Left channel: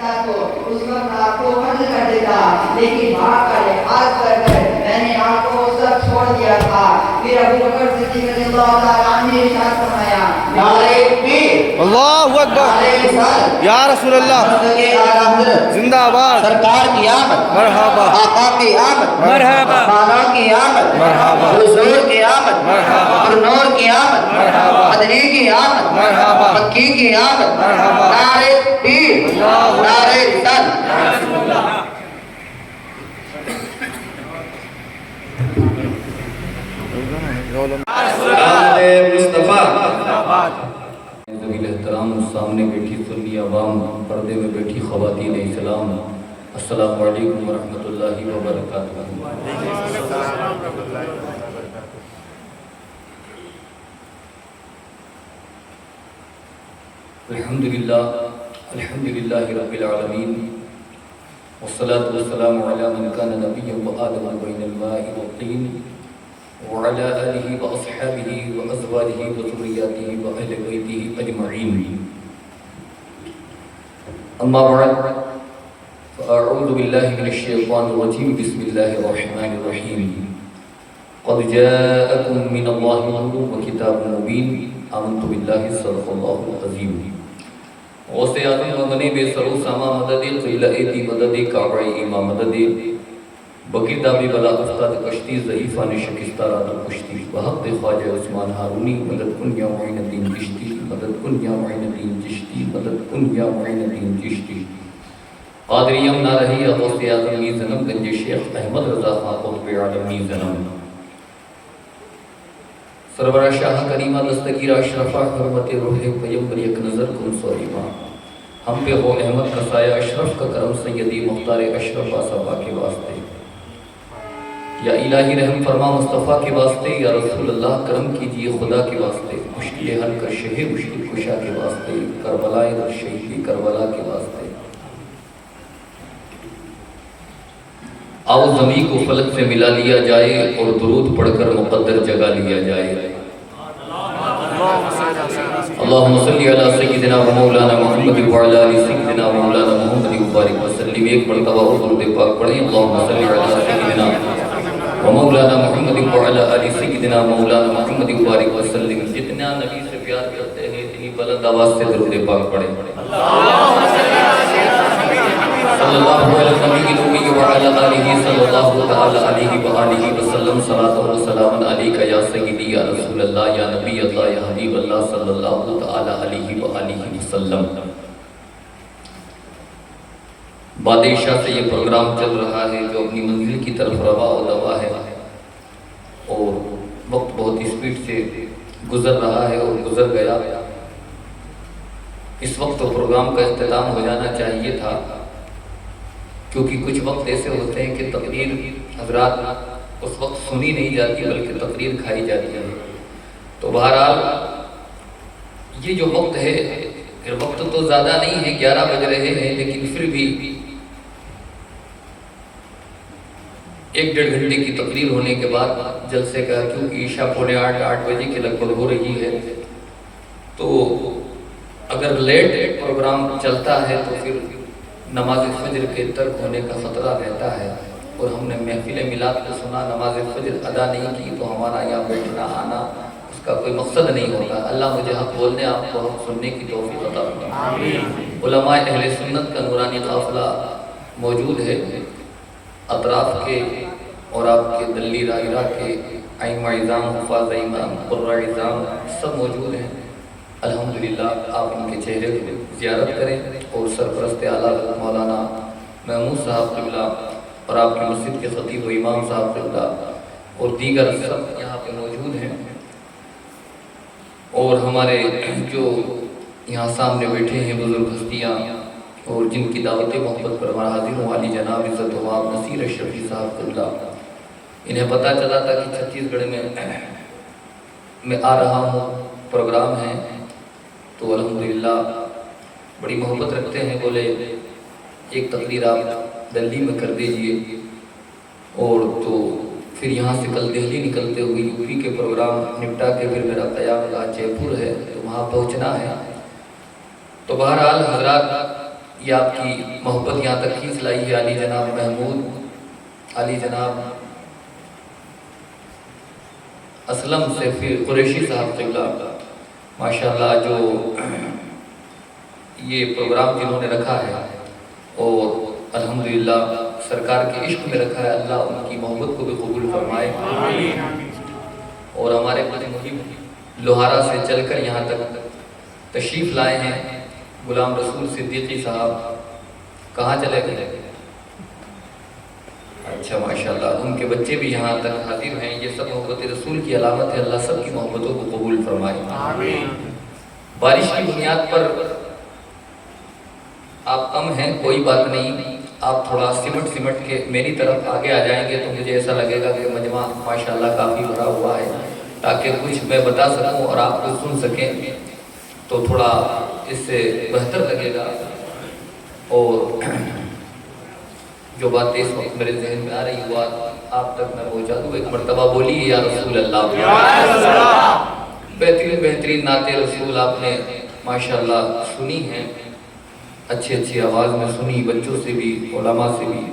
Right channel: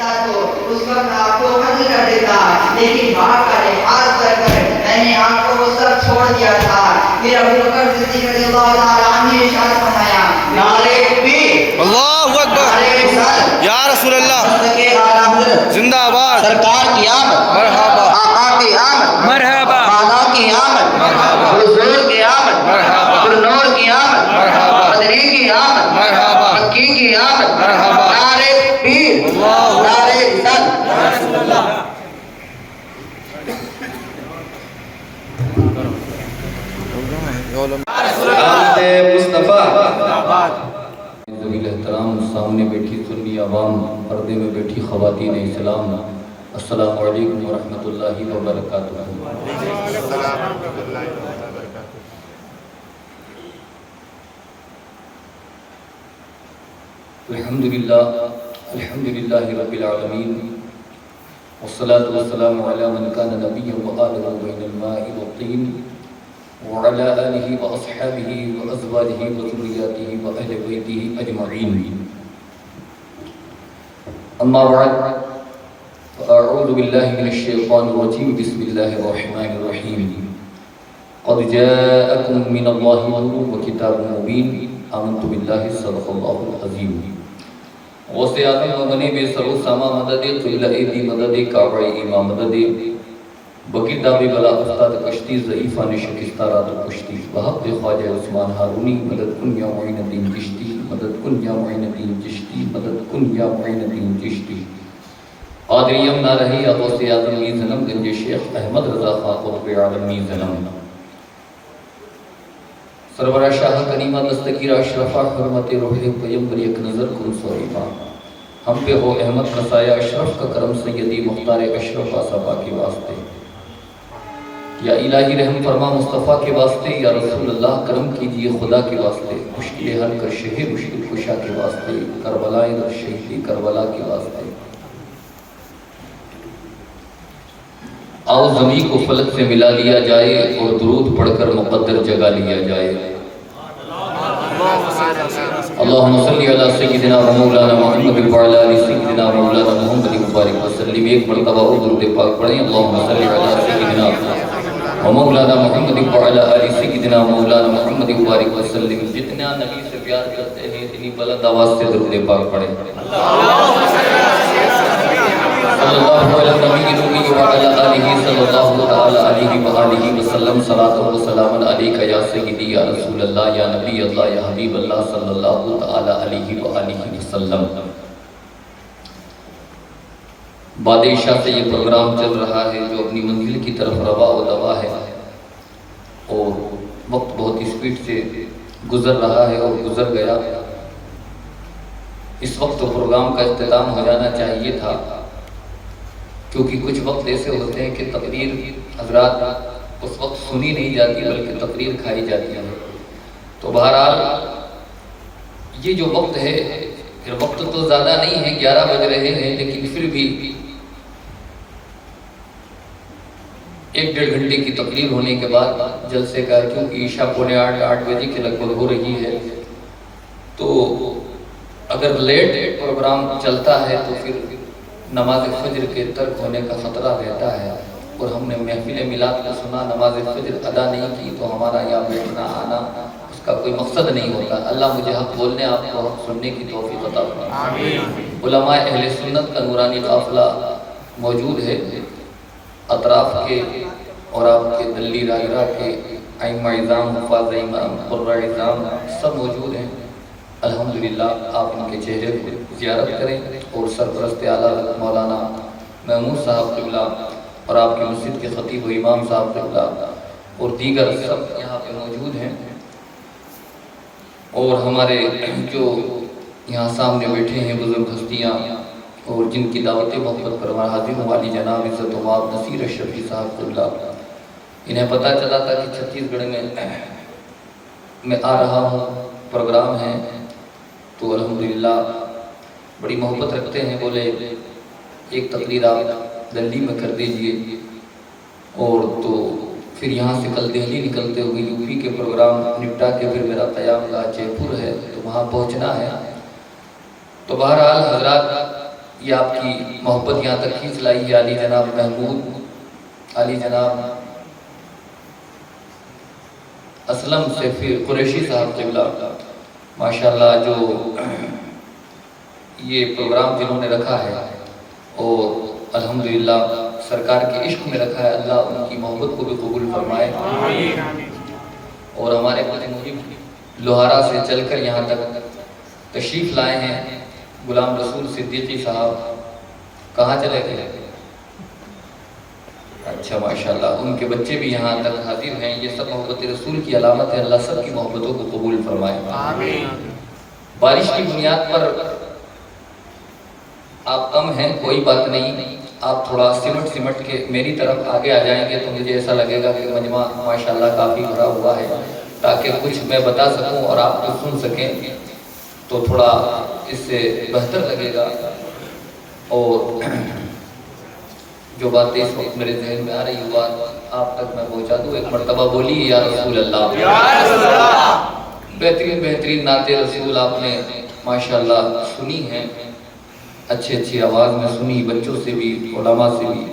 دیتا تو اس وقت آپ کو قتل کر دیتا، لیکن باپ کا لحاظ کر کر میں نے آپ کو وہ سب چھوڑ دیا تھا۔ پھر ابوبکر صدیق رضی اللہ تعالیٰ عنہ نے ارشاد فرمایا، نعرہ تکبیر، اللہ اکبر، نعرہ رسالت، یا رسول اللہ، مصدق اعلیٰ حضرت، زندہ آباد، سرکار کی آمد، مرحبا، آقا کی آمد، مرحبا، مولا کی آمد، مرحبا، حضور کی آمد، مرحبا، نور کی آمد، مرحبا، مدنی کی آمد، مرحبا، مکی کی آمد، مرحبا، نعرہ تکبیر، اللہ نعرہ رسالت۔ مصطفیٰ ذویل احترام، سامنے بیٹھی سنی عوام، پردے میں بیٹھی خواتین اسلام، السلام علیکم ورحمۃ اللہ وبرکاتہ۔ الحمدللہ رب العالمین، والصلاة والسلام علی من کان نبیا وآلہ بین الماء والطین، وعلى آله وأصحابه وأزواجه وذرياته وأهل بيته أجمعين، أما بعد، فأعوذ بالله من الشيطان الرجيم، بسم الله الرحمن الرحيم، قد جاءكم من الله نور وكتاب مبين، آمنت بالله صدق الله العظيم۔ غوث اعظم مغنی بے سر و ساما مدد، قلعہ دی مدد، کعبہ ایمان مدد، بقی دابی بلا استاد کشتی، ضعیفان شکستہ رات و کشتی، وحق خواجہ عثمان ہارونی، مدد کن یا معین الدین چشتی، مدد کن یا معین الدین چشتی، مدد کن یا معین الدین چشتی۔ قادریم نہ رہی غوث اعظم می زنم، گنج شیخ احمد رضا خان قطب عالم می زنم، سرورہ شاہ کریمہ دستگیر اشرفہ، حرمت روح پیمبر یک نظر کن سوریبا، ہم پہ ہو احمد کا سایہ اشرف کا کرم، سیدی مختار اشرف آصحابہ کے واسطے، یا الہی رحم فرما مصطفیٰ کے واسطے، یا رسول اللہ کرم کیجئے خدا کے واسطے، مشکل حل کر شہر مشکل کشا کے واسطے، کربلا در شہیدی کربلا کے واسطے۔ آؤ زمین کو فلک سے ملا لیا جائے اور درود پڑھ کر مقدر جگا لیا جائے۔ اللہم صلی علی سیدنا و مولانا محمد وعلی آل سیدنا و مولانا محمد مبارک وسلم۔ ایک مرتبہ اور درود پاک پڑھیں، اللہم صلی علی سیدنا و مولانا محمد وعلی آل سیدنا مولانا محمد مبارک وسلم۔ جتنا نبی سے پیار کرتے ہیں اتنی بلند آواز سے درود پاک پڑھیں۔ صلی اللہ علیہ صلی اللہ تعالی علیہ وآلہ وسلم، صلاۃ و سلام علیک یا سیدی یا رسول اللہ یا نبی اللہ یا حبیب اللہ صلی اللہ تعالی علیہ وآلہ وسلم۔ بادشاہ سے یہ پروگرام چل رہا ہے جو اپنی منزل کی طرف روا و دوا ہے، اور وقت بہت اسپیڈ سے گزر رہا ہے اور گزر گیا۔ اس وقت تو پروگرام کا اختتام ہو جانا چاہیے تھا، کیونکہ کچھ وقت ایسے ہوتے ہیں کہ تقریر حضرات اس وقت سنی نہیں جاتی بلکہ تقریر کھائی جاتی ہے۔ تو بہرحال یہ جو وقت ہے، پھر وقت تو زیادہ نہیں ہے، 11 بج رہے ہیں، لیکن پھر بھی 1-1.5 گھنٹے کی تقریر ہونے کے بعد جلسے کا، کیونکہ عشاء 7:45 بجے کے لگ بھگ ہو رہی ہے، تو اگر لیٹ پروگرام چلتا ہے تو پھر نماز فجر کے ترک ہونے کا خطرہ رہتا ہے، اور ہم نے محفل میلاد کو سنا، نماز فجر ادا نہیں کی، تو ہمارا یہاں بیٹھنا آنا اس کا کوئی مقصد نہیں ہوتا۔ اللہ مجھے حق بولنے، آپ کو حق سننے کی توفیق عطا فرمائے۔ علماء اہل سنت کا نورانی قافلہ موجود ہے، اطراف کے اور آپ کے دلی دائرہ کے ائمہ اعظام، حفاظ امام، قرہ اعظام سب موجود ہیں۔ الحمدللہ آپ ان کے چہرے کو زیارت کریں، اور سرپرست اعلیٰ مولانا محمود صاحب قبلہ اور آپ کے مسجد کے خطیب و امام صاحب قبلہ اور دیگر سب یہاں پہ موجود ہیں، اور ہمارے جو یہاں سامنے بیٹھے ہیں بزرگ ہستیاں، اور جن کی دعوت محبت پر حاضر والی جناب عزت ومآب نصیر اشرفی صاحب قبلہ، انہیں پتہ چلا تھا کہ 36 گڑھ میں آ رہا ہوں، پروگرام ہے، تو الحمدللہ بڑی محبت رکھتے ہیں، بولے ایک تقریر آپ دلی میں کر دیجئے، اور تو پھر یہاں سے کل دہلی نکلتے ہوئے یو پی کے پروگرام نپٹا کے پھر میرا قیام جے پور ہے، تو وہاں پہنچنا ہے۔ تو بہرحال حضرات یہ آپ کی محبت یہاں تک کھینچ لائی ہے علی جناب محمود، علی جناب اسلم سے پھر قریشی صاحب قبلہ، ماشاءاللہ جو یہ پروگرام جنہوں نے رکھا ہے اور الحمدللہ سرکار کے عشق میں رکھا ہے، اللہ ان کی محبت کو بھی قبول فرمائے۔ اور ہمارے مجھب لوہارا سے چل کر یہاں تک تشریف لائے ہیں غلام رسول صدیقی صاحب، کہاں چلے گئے؟ اچھا ماشاءاللہ، ان کے بچے بھی یہاں تک حاضر ہیں۔ یہ سب محبت رسول کی علامت ہے، اللہ سب کی محبتوں کو قبول فرمائے۔ بارش کی بنیاد پر آپ کم ہیں، کوئی بات نہیں، آپ تھوڑا سمٹ کے میری طرف آگے آ جائیں گے تو مجھے ایسا لگے گا کہ مجمع ماشاءاللہ کافی بھرا ہوا ہے، تاکہ کچھ میں بتا سکوں اور آپ کو سن سکیں تو تھوڑا اس سے بہتر لگے گا۔ اور جو باتیں اس وقت میرے ذہن میں آ رہی ہے آپ تک میں پہنچا دوں۔ ایک مرتبہ بولی یا رسول اللہ، بہترین نعت رسول آپ نے ماشاءاللہ سنی ہے، اچھی آواز میں سنی، بچوں سے بھی علماء سے بھی۔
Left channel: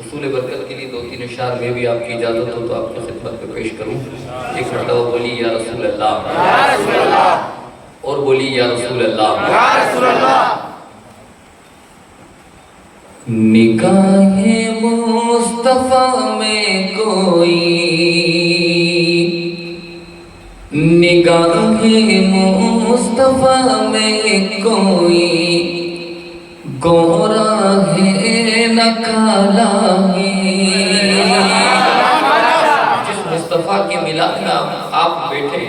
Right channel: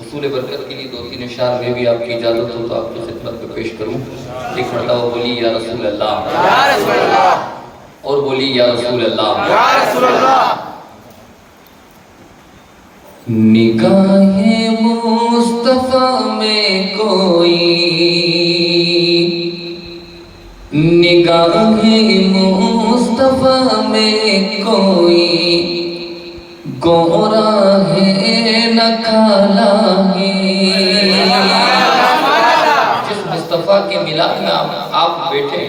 حصول برکت کے لیے 2-3 اشعار میں بھی آپ کی اجازت ہو تو آپ کی خدمت میں پیش کروں۔ ایک مرتبہ بولی یا رسول اللہ، اور بولی یا رسول اللہ۔ نگاہ مصطفیٰ میں کوئی، نگاہ مصطفیٰ میں کوئی گورا ہے نہ کالا ہے۔ جس مصطفیٰ کے ملاد میں آپ بیٹھے،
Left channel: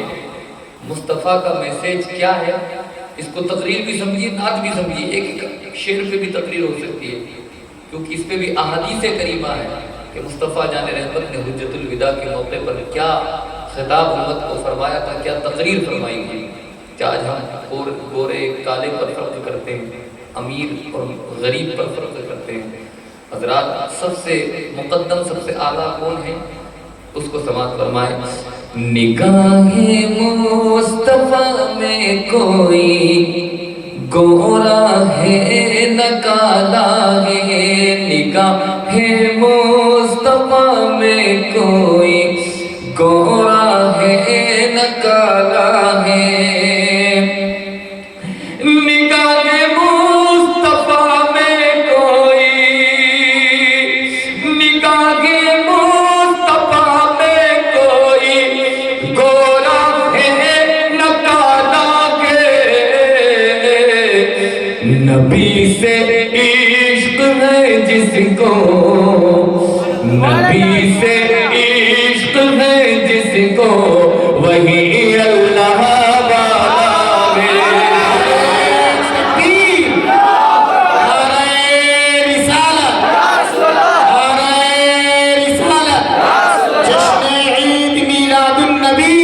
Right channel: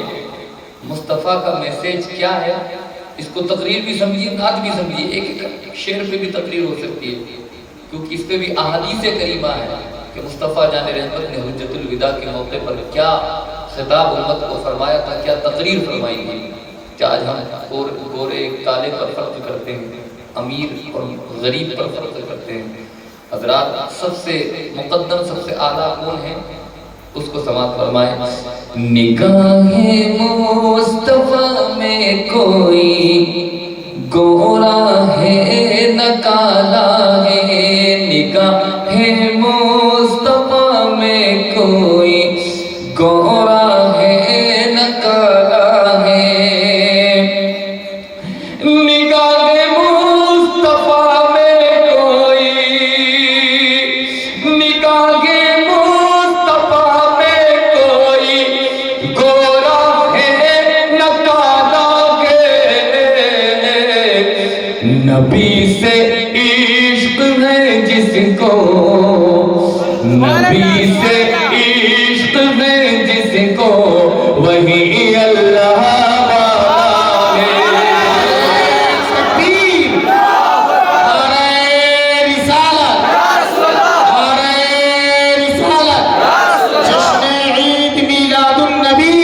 مصطفیٰ کا میسیج کیا ہے اس کو تقریر بھی سمجھیے، نعت بھی سمجھیے، ایک شعر پہ بھی تقریر ہو سکتی ہے، کیونکہ اس پہ بھی احادیث کریمہ ہے کہ مصطفیٰ جان رحمت نے حجت الوداع کے موقع پر کیا خطاب امت کو فرمایا تھا، کیا تقریر فرمائی گئی۔ کہ آج ہم گورے کالے پر فرق کرتے ہیں، امیر اور غریب پر فرق کرتے ہیں۔ حضرات سب سے مقدم، سب سے اعلیٰ کون ہے اس کو سماعت فرمائے۔ نگاہ مصطفیٰ میں کوئی گورا ہے نہ کالا ہے، نگاہ مصطفیٰ میں کوئی گورا ہے نہ کالا ہے۔ نگاہ مصطفیٰ میں کوئی، نگاہ مصطفیٰ میں کوئی گورا ہے نہ کالا ہے۔ نبی سے عشق ہے جس کو، نبی سے عشق ہے جس کو، وہی اللہ والا ہے۔ تکبیر، نعرہ رسالت، نعرہ رسالت، جشن عید میلاد النبی۔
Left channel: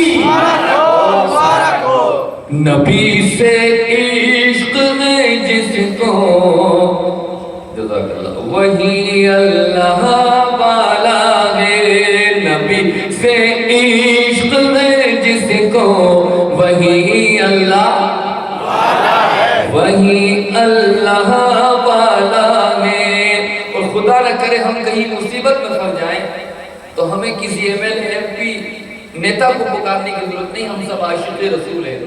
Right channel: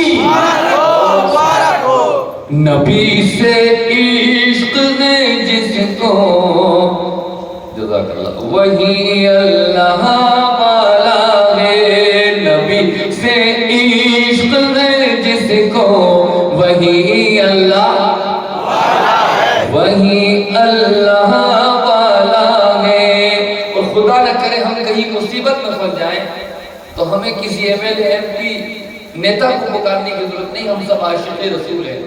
نبی سے عشق ہے جس کو، جزاک اللہ، وہی اللہ والا ہے۔ نبی سے عشق ہے جس کو، وہی اللہ والا ہے، وہی اللہ والا ہے۔ اور خدا نہ کرے ہم کہیں مصیبت میں پھنس جائیں تو ہمیں کسی MLA MP نیتا کو پکارنے کی ضرورت نہیں، ہم سب عاشق رسول ہیں۔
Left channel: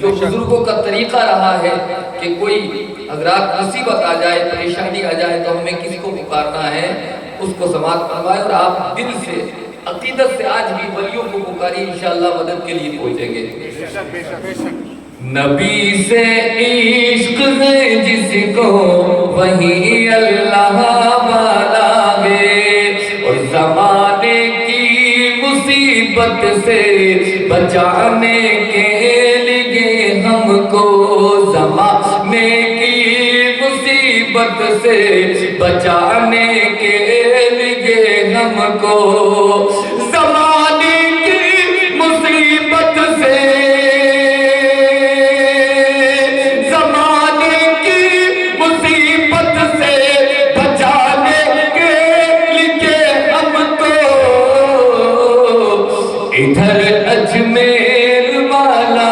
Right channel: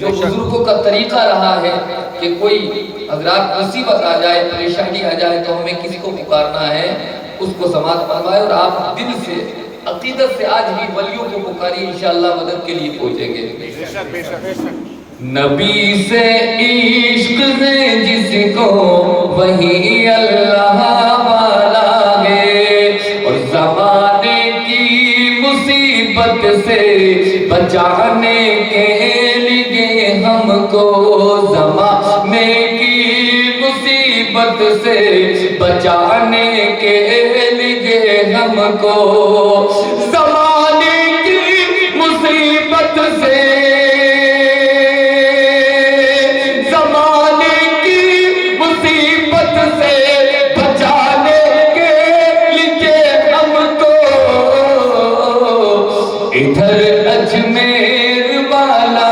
جو بزرگوں کا طریقہ رہا ہے کہ کوئی حضرات مصیبت آ جائے، پریشانی آ جائے تو ہمیں کسی کو پکارنا ہے، اس کو سماعت فرمائے اور آپ دل سے عقیدت سے آج بھی ولیوں کو پکاری، انشاءاللہ مدد کے لیے پہنچیں گے۔ نبی سے عشق ہے جس کو، وہی اللہ والا ہے۔ اور زمانے کی مصیبت سے بچانے کے لیے ہم کو، زمانے کی مصیبت سے بچانے کے لیے ہم کو، زمانے کی مصیبت سے، زمانے کی مصیبت سے بچانے کے لیے ہم کو، ادھر اجمیر والا،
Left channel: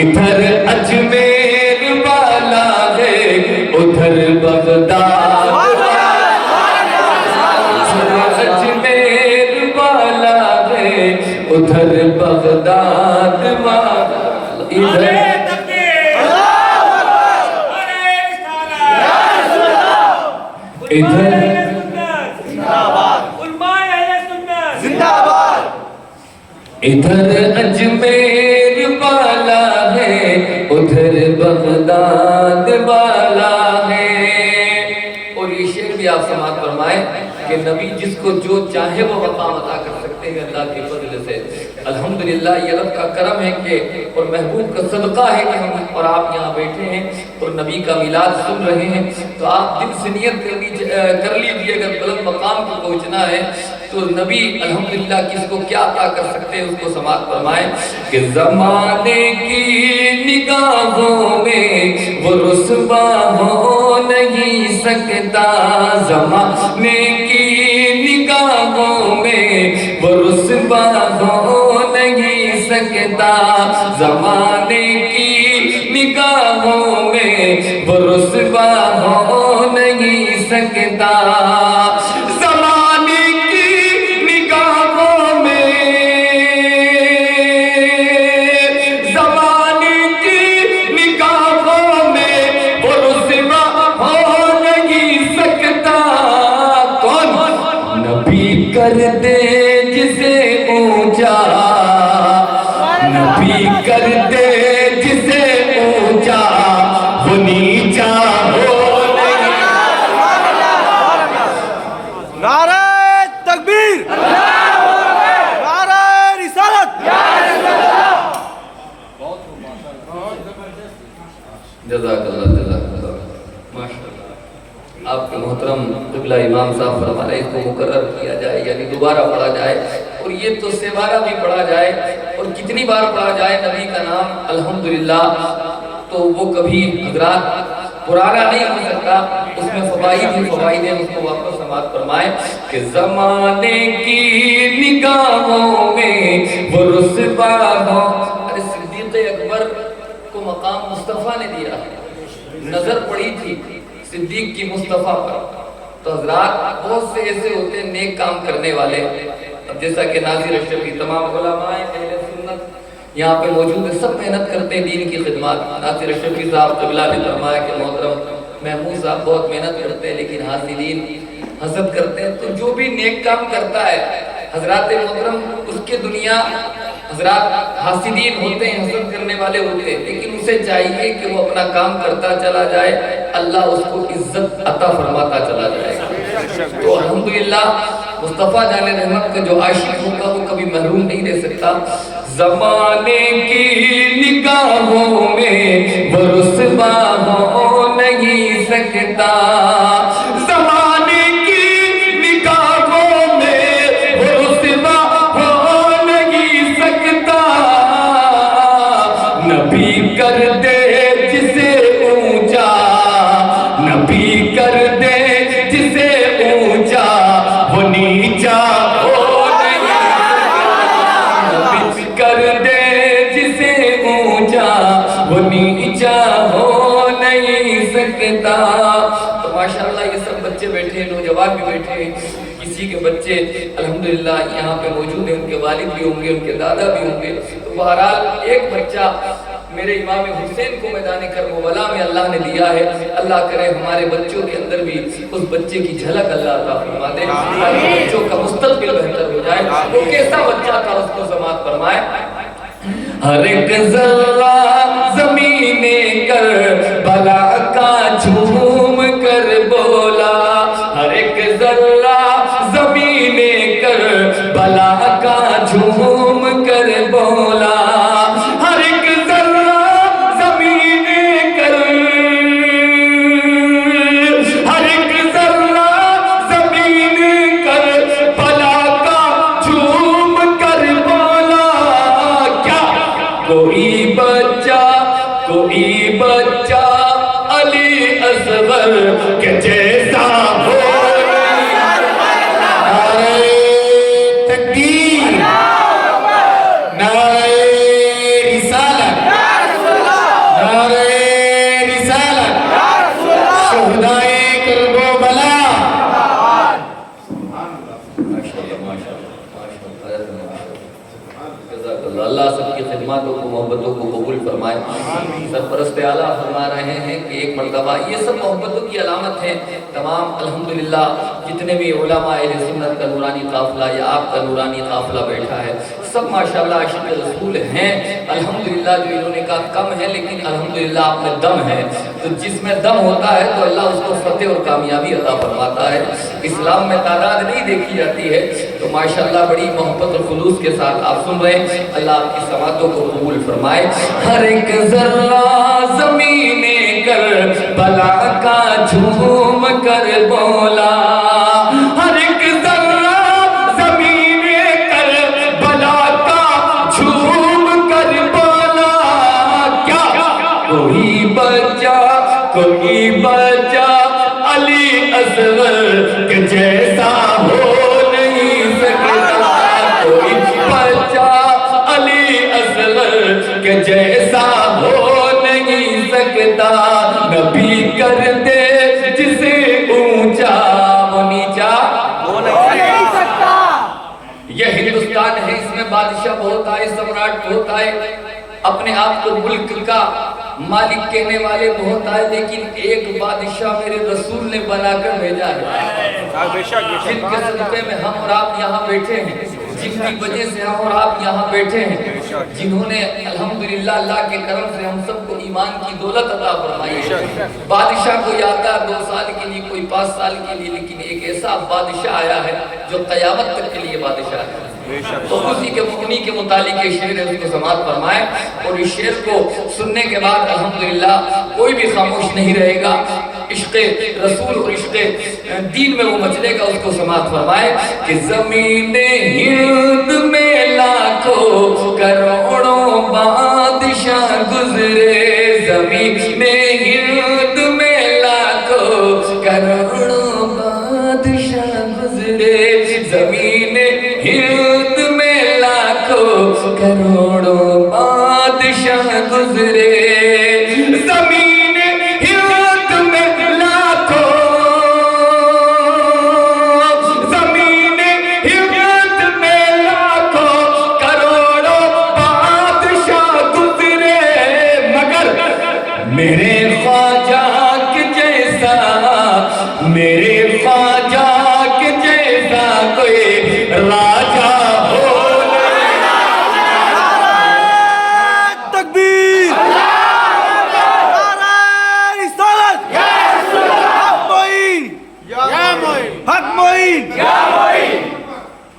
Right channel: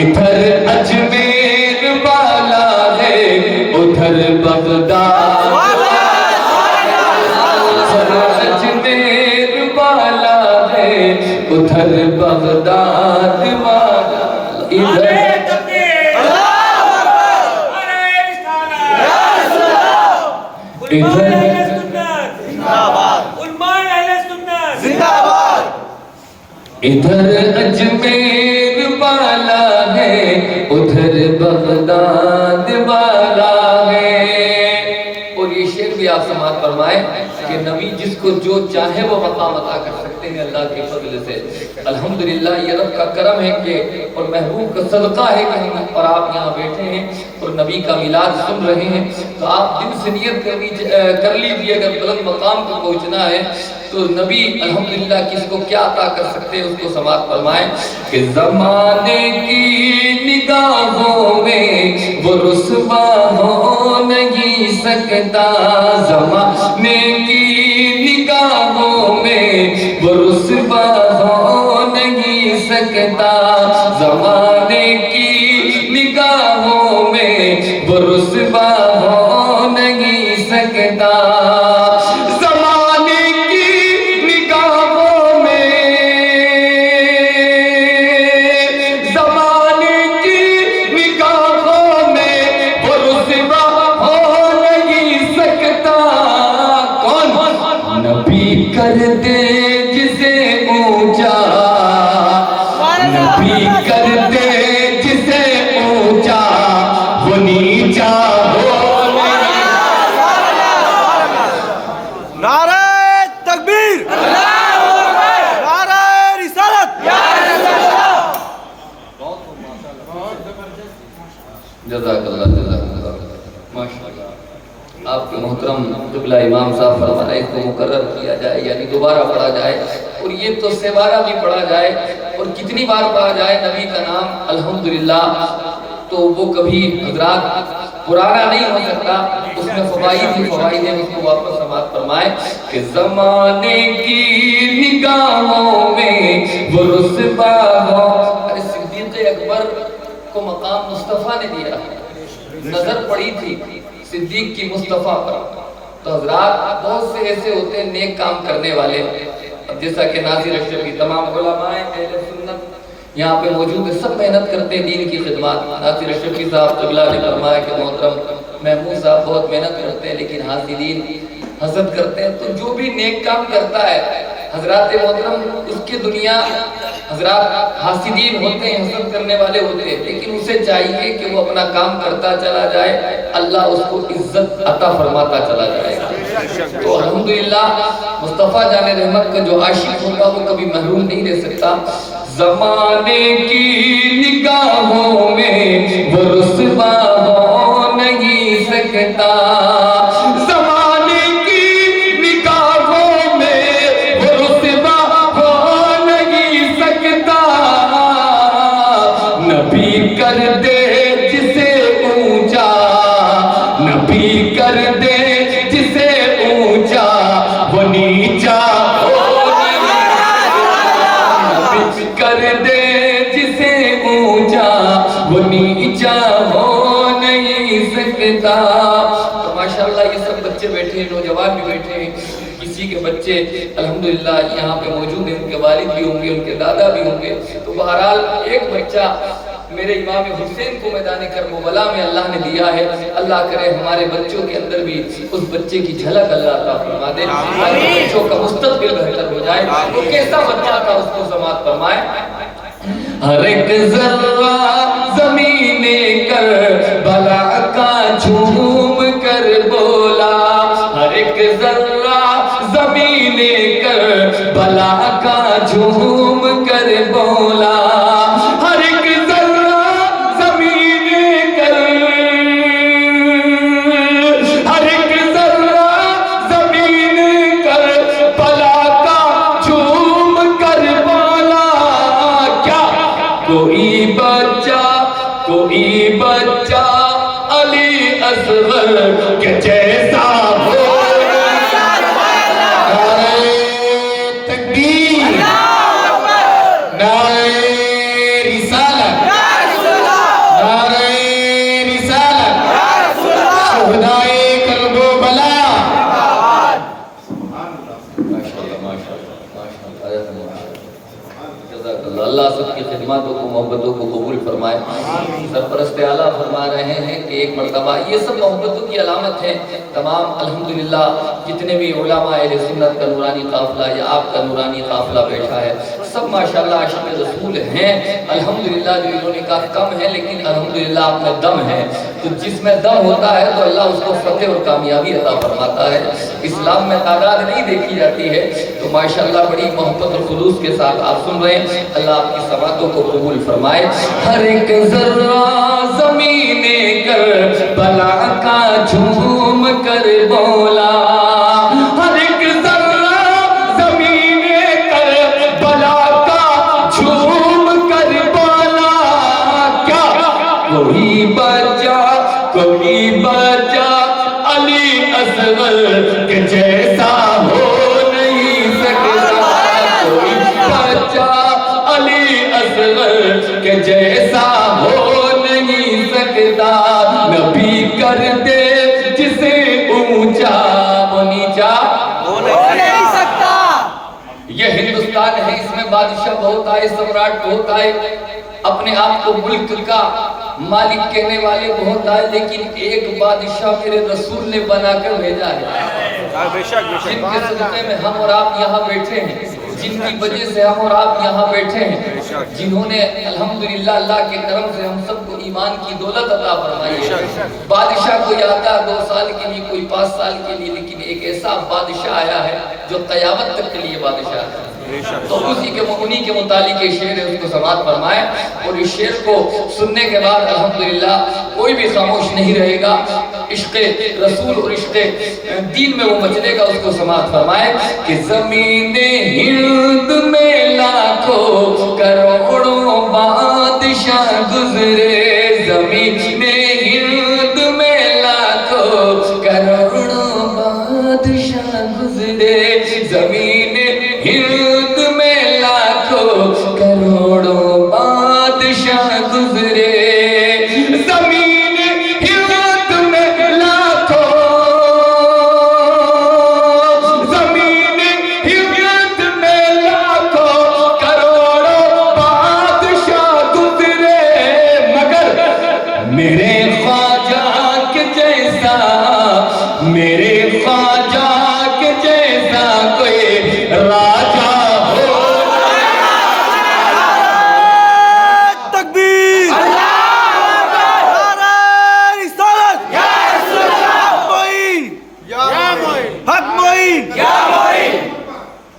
ادھر اجمیر والا ہے، ادھر ادھر ادھر اجمیر والا ہے ادھر بغداد والا ہے. اور یہ شعر بھی آپ سماعت فرمائیں کہ نبی جس کو جو چاہے وہ مقام عطا کر سکتے ہیں اللہ کے فضل سے. الحمدللہ یہ رب کا کرم ہے کہ اور محبوب کا صدقہ ہے کہ ہم اور آپ یہاں بیٹھے ہیں اور نبی کا میلاد سن رہے ہیں. تو آپ دل سے نیت کر لیجیے اگر بلند مقام کو پہنچنا ہے تو نبی الحمدللہ کس کو کیا عطا کر سکتے ہیں اس کو سماعت فرمائیں کہ زمانے کی نگاہوں میں وہ رسوا ہو نہیں سکتا. زمانے کی نگاہوں میں وہ رسوا ہو نہیں سکتا. زمانے کی نگاہوں میں وہ رسوا ہو نہیں سکتا. زمانے کی نگاہوں میں زمانے کی نگاہوں میں وہ رسوا ہو نہیں سکتا. کون نبی کر دے جسے اونچا نبی کر دے جسے اونچا وہ نیچا ہو. نعرہ تکبیر، نعرہ رسالت. جزاک اللہ ماشاءاللہ. آپ کے محترم قبلہ امام صاحب فرمائے اس کو مقرر کیا جائے یعنی دوبارہ پڑھا جائے اور یہ تو سیوارہ بھی پڑھا جائے اور کتنی بار پڑھا جائے نبی کا نام الحمدللہ تو وہ کبھی حضرات پرانا نہیں ہو سکتا. اس میں فوائد ہیں اس کو واپس سماعت فرمائے کہ زمانے کی نگاہوں میں وہ رسوا ہو. ارے صدیق اکبر کو مقام مصطفیٰ نے دیا نظر پڑی تھی صدیق کی مصطفیٰ پر. تو حضرات بہت سے ایسے ہوتے ہیں نیک کام کرنے والے اب جیسا کہ ناظر اشرفی تمام علماء اہل سنت یہاں پہ موجود ہیں سب محنت کرتے ہیں دین کی خدمات. ناظر اشرفی صاحب قبلہ نے فرمایا کہ محترم محمود صاحب بہت محنت کرتے ہیں لیکن حاصلین حسد کرتے ہیں. تو جو بھی نیک کام کرتا ہے حضرات محترم اس کے دنیا حضرات حاسدین ہوتے ہیں حسد کرنے والے ہوتے ہیں لیکن اسے چاہیے کہ وہ اپنا کام کرتا چلا جائے اللہ اس کو عزت عطا فرماتا چلا جائے. تو الحمدللہ مصطفیٰ جان رحمت کا جو عاشق ہوگا وہ کبھی محروم نہیں رہ سکتا. زمانے کی نگاہوں میں وہ رسوا ہو نہیں سکتا. زمانے کی نگاہوں میں وہ رسوا ہو نہیں سکتا. نبی کر دے جسے اونچا نبی کر دے جسے اونچا وہ نیچا ہو نہیں. نبی کر دے جسے اونچا وہ نیچا ہو نہیں سکتا. تو ماشاءاللہ یہ سب بچے بیٹھے ہیں نوجوان بھی بیٹھے ہیں کسی کے بچے الحمدللہ یہاں پہ موجود ہیں ان کے والد بھی ہوں گے ان کے دادا بھی ہوں گے. تو بہرحال ایک بچہ میرے امام حسین کو میدان کربلا میں اللہ نے دیا ہے. اللہ کرے ہمارے بچوں کے اندر بھی اس بچے کی جھلک اللہ عطا فرما دے بچوں کا مستقبل بہتر ہو جائے. وہ کیسا بچہ تھا اس کو سماعت فرمائے. ہر ایک ذرہ زمین کربلا کا جھوم کر بولا. ہر ایک ذرہ زمین کربلا کا جھوم کر بولا. ہر ایک ذرہ زمین ہر ایک ذرہ زمین کربلا کا جھوم کر بولا. کیا کوئی بچہ علی اصغر کے جیسا ہو. نعرہ تکبیر، نعرہ رسالت، نعرہ رسالت، شہدائے کربلا. اللہ سب کی خدماتوں کو محبتوں کو قبول فرمائے. سرپرست اعلیٰ فرما رہے ہیں کہ ایک مرتبہ یہ سب محبتوں کی علامت ہیں. تمام الحمدللہ جتنے بھی علماء اہل سنت کا نورانی قافلہ یا آپ کا نورانی قافلہ بیٹھا ہے سب ماشاءاللہ عاشق رسول ہیں. الحمدللہ جو انہوں نے کہا کم ہے لیکن الحمدللہ آپ میں دم ہے. تو جس میں دم ہوتا ہے تو اللہ اس کو فتح اور کامیابی عطا فرماتا ہے. اسلام میں تعداد نہیں دیکھی جاتی ہے. تو ماشاءاللہ بڑی محبت اور خلوص کے ساتھ آپ سن رہے ہیں. اللہ آپ کی سماعتوں کو قبول فرمائے. ہر ایک ذرہ زمین کربلا کا جھوم کر بولا, ہر ایک ذرہ زمین کربلا کا جھوم کر بولا. کیا کوئی بچہ علی اصغر کے جیسا ہو نہیں سکتا, کوئی بچہ علی اصغر کے جیسا ہو نہیں سکتا. نبی کر دے جسے اونچا وہ نیچا ہو نہیں سکتا. یہ ہندوستان ہے, اس میں بادشاہ بہت آئے, سمراٹ بہت آئے, اپنے آپ کو ملک کا مالک کہنے والے بہت آئے, لیکن ایک بادشاہ میرے رسول نے بنا کر بھیجا ہے جن کے صدقے میں ہم اور آپ یہاں بیٹھے ہیں, جن کی وجہ سے ہم اور آپ یہاں بیٹھے ہیں, جنہوں نے الحمدللہ اللہ کے کرم سے ہم سب کو ایمان کی دولت عطا فرمائی ہے. بادشاہ کو یادگار 2 سال کے لیے, کوئی 5 سال کے لیے, لیکن ایک ایسا بادشاہ آیا ہے جو قیامت تک کے لیے بادشاہ ہے. اور اسی کے انہی کے متعلق یہ شعر ہے, اس کو سماعت فرمائیں. اور اس شعر کو سننے کے بعد الحمدللہ کوئی بھی خاموش نہیں رہے گا. عشق رسول اور عشق دین میں وہ مچلے گا, اس کو سماعت فرمائیں. کہ زمین ہند میں لاکھوں کروڑوں بادشاہ گزرے, زمین ہند میں لاکھوں کروڑوں بادشاہ گزرے, زمین ہند میں لاکھوں کروڑوں بادشاہ گزرے, زمین ہند میں لاکھوں, زمین ہند میں لاکھوں کروڑوں بادشاہ گزرے, مگر میرے خواجہ کے جیسا, میرے خواجہ کے جیسا کوئی راجہ ہو. تکبیر, نعرہ رسالت, حق معین,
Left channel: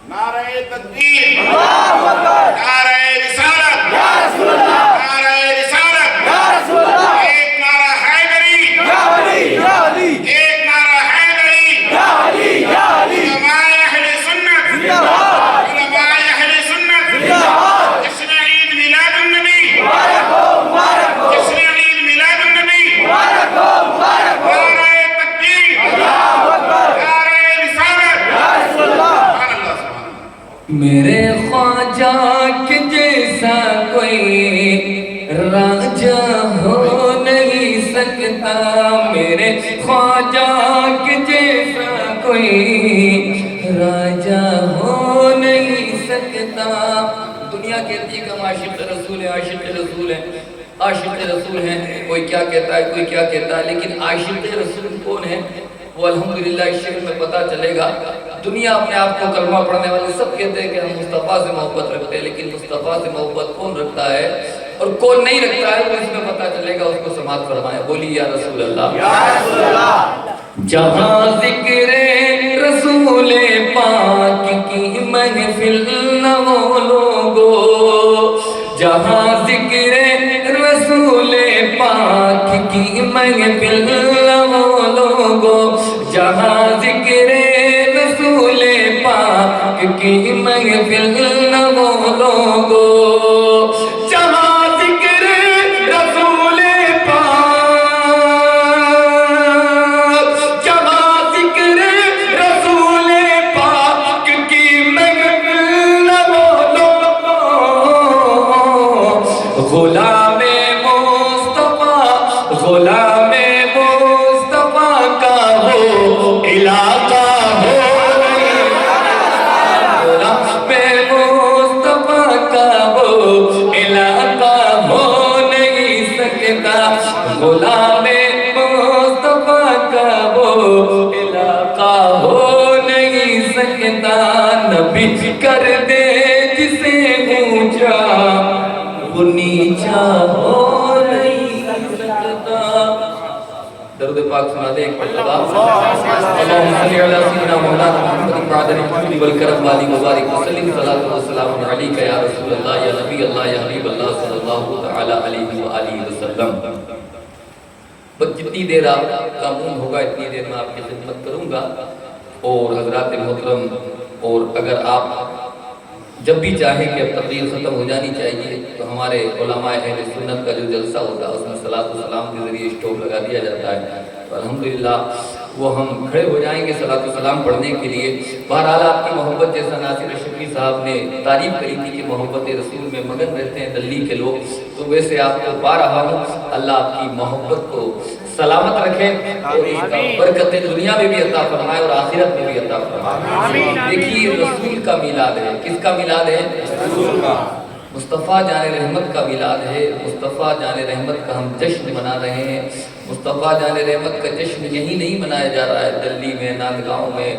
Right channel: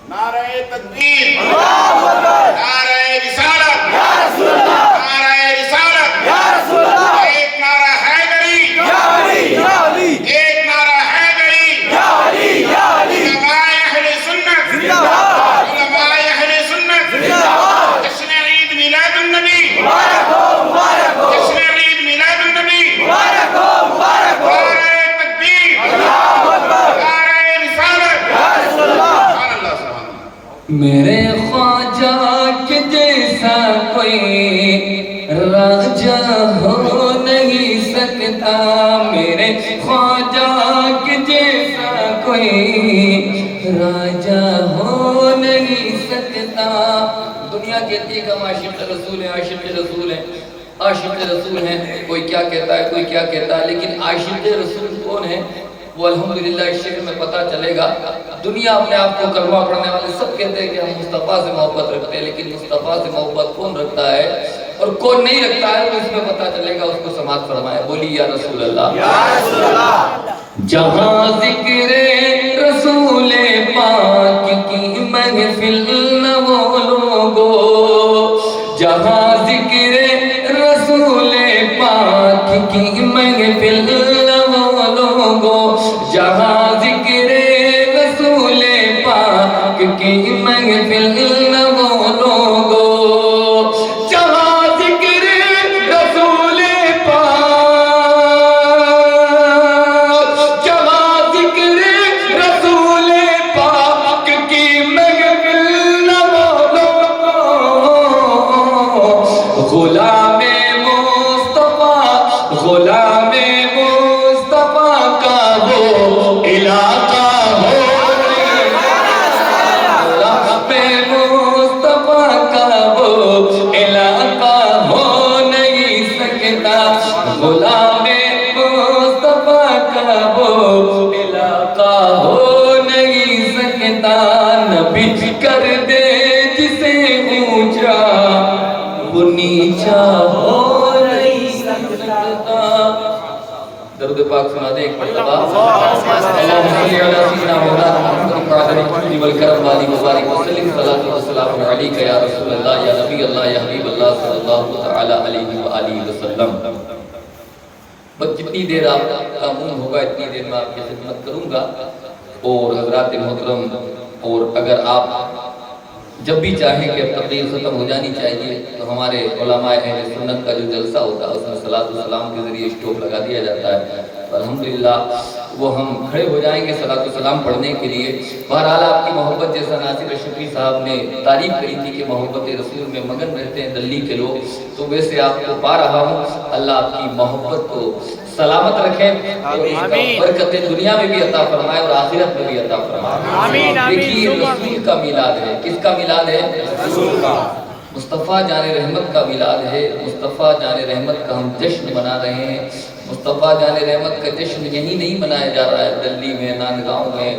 نعرہ تکبیر, اللہ اکبر, نعرہ رسالت, یا رسول اللہ, نعرہ رسالت, یا رسول اللہ, ایک نعرہ حیدری, یا علی, یا علی, ایک نعرہ حیدری, یا علی, یا علی, علماء اہل سنت, زندہ باد, علماء اہل سنت, زندہ باد, جشن عید میلاد النبی, مبارک ہو, مبارک ہو, جشن عید میلاد النبی, مبارک ہو, مبارک ہو, نعرہ تکبیر, اللہ اکبر, نعرہ رسالت, یا رسول اللہ. سبحان اللہ, سبحان اللہ. میرے خواجہ کے جیسا کوئی راجہ ہو نہیں سکتا, میرے خواجہ کے جیسا کوئی راجہ ہو نہیں سکتا. دنیا کہتی ہے کہ ہم عاشق رسول ہیں, عاشق رسول ہیں, عاشق رسول ہیں, کوئی کیا کہتا ہے, کوئی کیا کہتا ہے, لیکن عاشق رسول کون ہے وہ الحمدللہ اس شعر میں پتہ چلے گا. دنیا اپنے آپ کو کلمہ پڑھنے والے سب کہتے ہیں کہ ہم مصطفیٰ سے محبت رکھتے ہیں, لیکن مصطفیٰ سے محبت کون رکھتا ہے اور کون نہیں رکھتا ہے وہ اس میں پتہ چلے گا. اس کو سماعت فرمائے, بولی یا رسول اللہ, یا رسول اللہ. جہاں ذکر رسول پاک کی محفل نہ ہو لوگو, جہاں ذکر رسول پاک کی محفل نہ ہو لوگو, جہاں ذکر رسول پاک کی محفل نہ ہو لوگو, جہاں ذکر رسول پاک, جہاں ذکر رسول پاک کی محفل نہ ہو لوگو, غلام مصطفیٰ, غلام مصطفیٰ کا ہو علاقہ ہو, غلام بچ کر دے جسے اونچا وہ نیچا ہو نہیں سکتا. درود پاک سنا دے ایک مرتبہ. اللہم صلی علی سیدنا مولانا محمد قادر الجود والکرم والی مبارک وسلم. صلاۃ و سلام علیک یا رسول اللہ یا نبی اللہ یا حبیب اللہ صلی اللہ تعالی علیہ وآلہ وسلم. بس جتنی دیر آپ کا مون ہوگا اتنی دیر میں آپ کی خدمت کروں گا. اور حضرات محترم، اور اگر آپ جب بھی چاہیں کہ اب تقریر ختم ہو جانی چاہیے تو ہمارے علماء اہل سنت کا جو جلسہ ہوتا ہے اس میں صلاۃ و سلام کے ذریعے اسٹاپ لگا دیا جاتا ہے. تو الحمدللہ وہ ہم کھڑے ہو جائیں گے صلاۃ و سلام پڑھنے کے لیے. بہرحال آپ کی محبت، جیسا ناصر اشرفی صاحب نے تعریف کری تھی کہ محبت رسول میں مگن رہتے ہیں دلی کے لوگ، تو ویسے آپ کو پا رہا ہوں. اللہ آپ کی محبت کو سلامت رکھے اور اس کا برکت دنیا میں بھی عطا فرمائے اور آخرت میں بھی عطا فرمائے. دیکھیے رسول کا میلاد ہے. کس کا میلاد ہے؟ رسول کا. مصطفیٰ جان رحمت کا میلاد ہے. مصطفیٰ جان رحمت کا ہم جشن منا رہے ہیں. مصطفیٰ جان رحمت کا جشن یہی نہیں منایا جا رہا ہے دلی میں، ناندگاؤں میں،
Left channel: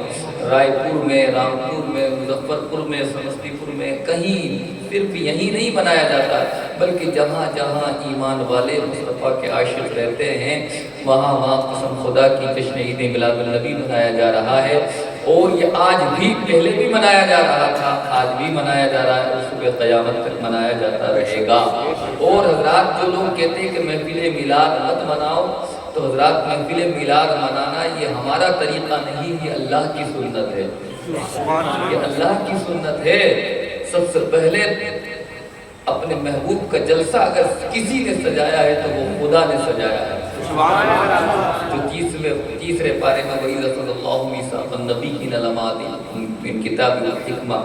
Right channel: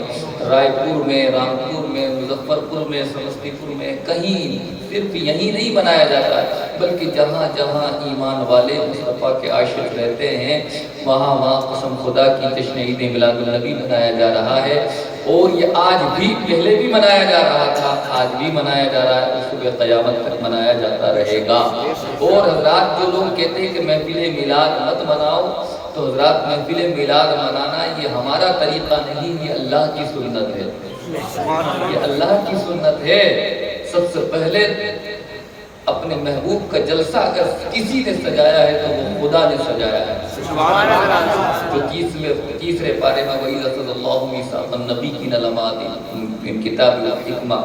رائے پور میں، رامپور میں، مظفر پور میں، سمستی پور میں، کہیں صرف یہی نہیں منایا جاتا ہے بلکہ جہاں جہاں ایمان والے مصطفیٰ کے عاشق رہتے ہیں وہاں وہاں قسم خدا کی جشن عید میلاد النبی منایا جا رہا ہے. اور یہ آج بھی، پہلے بھی منایا جا رہا تھا، آج بھی منایا جا رہا ہے اور صبح قیامت تک منایا جاتا رہے گا. اور حضرات جو لوگ کہتے ہیں کہ محفل میلاد مت مناؤ، تو حضرات محفل میلاد منانا یہ ہمارا طریقہ نہیں، یہ اللہ کی سنت ہے. یہ اللہ کی سنت ہے. سب سے پہلے اپنے محبوب کا جلسہ اگر کسی نے سجایا ہے تو وہ خدا نے سجایا ہے. جو تیسرے پارے میں وہی رسول اللہ میثاق النبیین لماتی من کتاب الحکمہ،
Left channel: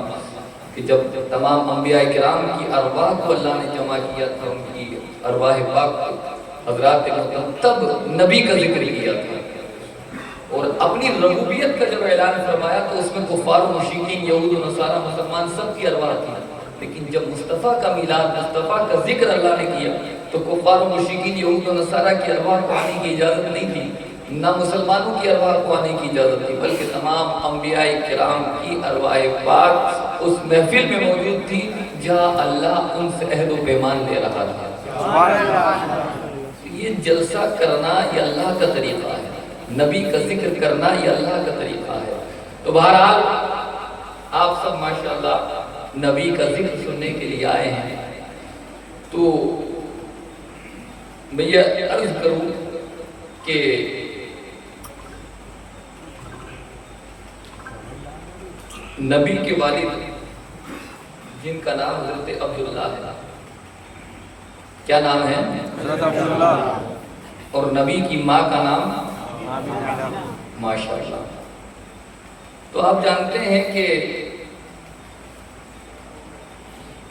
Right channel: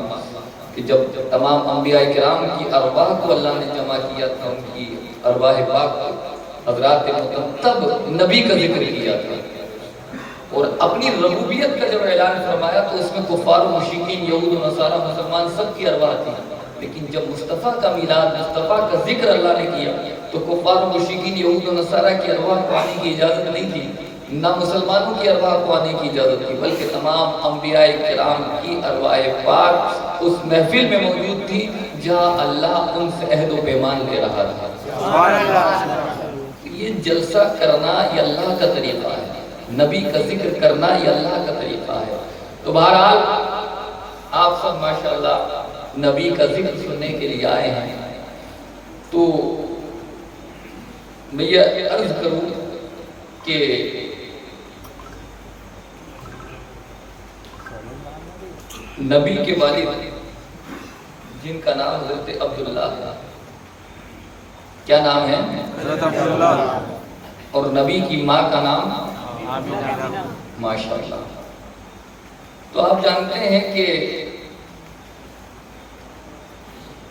کہ جب تمام انبیاء کرام کی ارواح کو اللہ نے جمع کیا تھا، ان کی ارواح پاک حضرات محترم، تب نبی کا ذکر کیا تھا. اور اپنی ربوبیت کا جب اعلان فرمایا تو اس میں کفار و مشرکین، یہود و نصارہ، مسلمان سب کی ارواح تھی. لیکن جب مصطفیٰ کا میلاد، مصطفیٰ کا ذکر اللہ نے کیا تو کفار و مشرکین، یہود و نصارہ کی ارواح کو آنے کی اجازت نہیں تھی، نہ مسلمانوں کی ارواح کو آنے کی اجازت تھی، بلکہ تمام انبیاء کرام کی ارواح پاک اس محفل میں موجود تھی جہاں اللہ ان سے عہد و پیمان لے رہا تھا. یہ جلسہ کرنا یہ اللہ کا طریقہ ہے، نبی کا ذکر کرنا یہ اللہ کا طریقہ ہے. تو بہرحال آپ سب ماشاءاللہ نبی کا ذکر سننے کے لیے آئے ہیں. تو میں یہ عرض کروں کہ نبی کے والد جن کا نام حضرت عبداللہ ہے، کیا نام ہے؟ حضرت عبداللہ. اور نبی کی ماں کا نام ماشاءاللہ. تو آپ جانتے ہیں کہ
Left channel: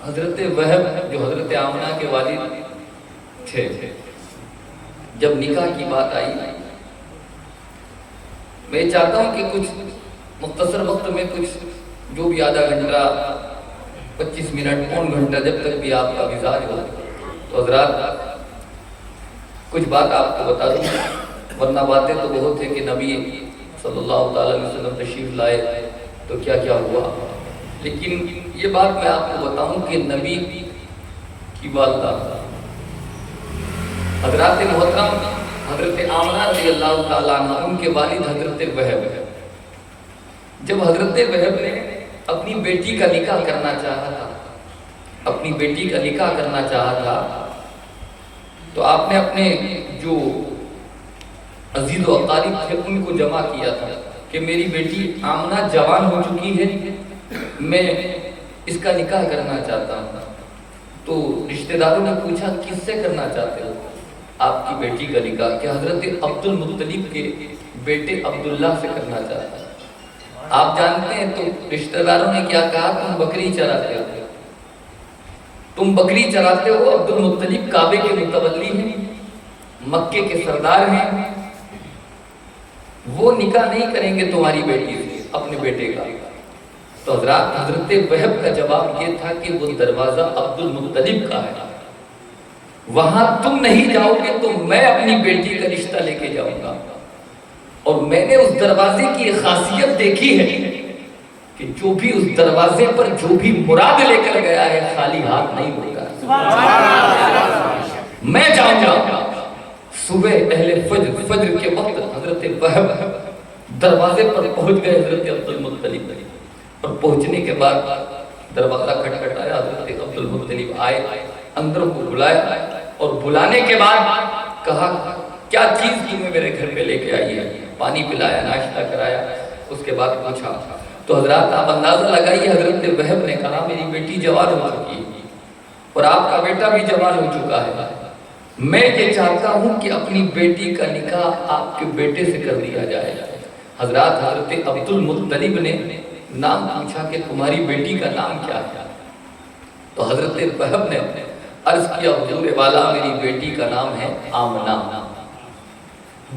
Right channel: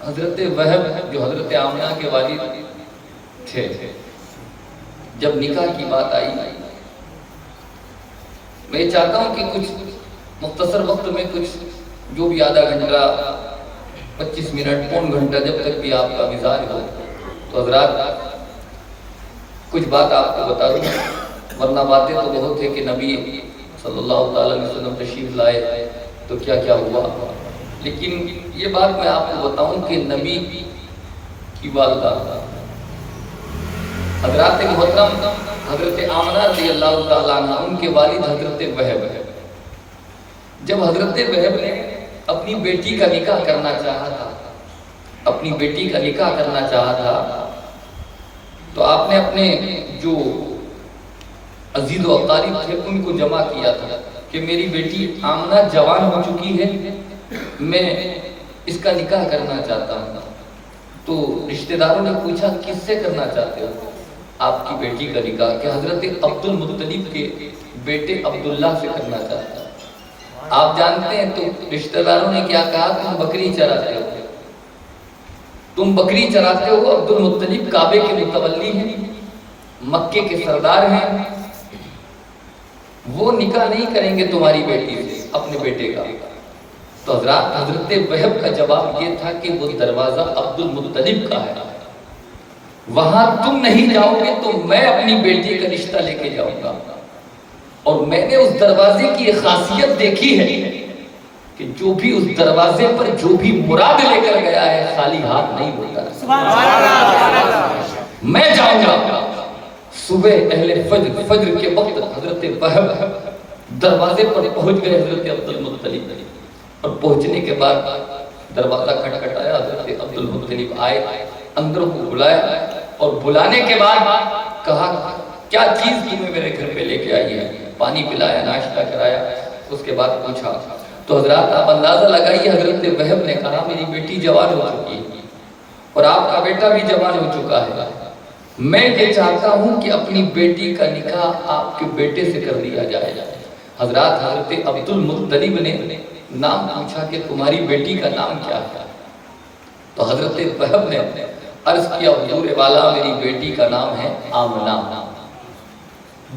حضرت وہب جو حضرت آمنہ کے والد تھے، جب نکاح کی بات آئی، میں چاہتا ہوں کہ کچھ مختصر وقت میں کچھ جو بھی آدھا گھنٹہ 25 منٹ پون گھنٹہ جب تک بھی آپ کا مزاج ہو تو حضرات کچھ بات آپ کو بتا دوں. ورنہ باتیں تو بہت ہے کہ نبی صلی اللہ تعالیٰ علیہ وسلم تشریف لائے تو کیا کیا ہوا، لیکن یہ بات میں آپ کو بتاؤں کہ نبی کی والدہ حضرات محترم حضرت آمنہ رضی اللہ تعالیٰ عنہ، ان کے والد حضرت وہب ہے. جب حضرت وہب نے اپنی بیٹی کا نکاح کرنا چاہا تھا، اپنی بیٹی کا نکاح کرنا چاہا تھا، تو آپ نے اپنے جو عزیز و اقارب تھے ان کو جمع کیا تھا کہ میری بیٹی آمنہ جوان ہو چکی ہے، میں اس کا نکاح کرنا چاہتا ہوں. تو رشتہ داروں نے پوچھا کس سے کرنا چاہتے ہو آپ کی بیٹی کا نکاح؟ کہ حضرت عبد المطلب کے بیٹے عبداللہ سے کرنا چاہتا ہوں. آپ جانتے ہیں تو رشتہ داروں نے کیا کہا؟ تم بکری چراتے ہو، تم بکری چراتے ہو. عبد المطلب کعبے کے متولی ہیں، مکے کے سردار ہیں، وہ نکاح نہیں کریں گے تمہاری بیٹی سے، اپنے بیٹے کا. تو حضرت وہب کا جواب یہ تھا کہ وہ دروازہ عبد المطلب کا ہے، وہاں تم نہیں جاؤ گے تو میں اپنی بیٹی کا رشتہ لے کے جاؤں گا. اور میں نے اس دروازے کی ایک خاصیت دیکھی ہے کہ جو بھی اس دروازے پر جو بھی مراد لے کر گیا ہے خالی ہاتھ نہیں ہوتا. میں جاؤں گا. صبح اہل فجر کے وقت حضرت وہب دروازے پر پہنچ گئے حضرت عبد المطلب. اور پہنچنے کے بعد دروازہ کھٹکھٹایا. حضرت عبد المطلب آئے, اندر کو بلایا, اور بلانے کے بعد کہا کیا چیز تمہیں میرے گھر پہ لے کے آئی ہے. پانی پلایا, ناشتہ کرایا. اس کے بعد پوچھا تو حضرات آپ اندازہ لگائیے. حضرت وہب نے کہا میری بیٹی جوان ہو چکی ہے اور آپ کا بیٹا بھی جوان ہو چکا ہے. میں یہ چاہتا ہوں کہ اپنی بیٹی کا نکاح آپ کے بیٹے سے کر دیا جائے. حضرات حضرت عبد المطلب نے نام پوچھا کہ تمہاری بیٹی کا نام کیا ہے. تو حضرت وہب نے عرض کیا حضور والا میری بیٹی کا نام ہے آمنہ.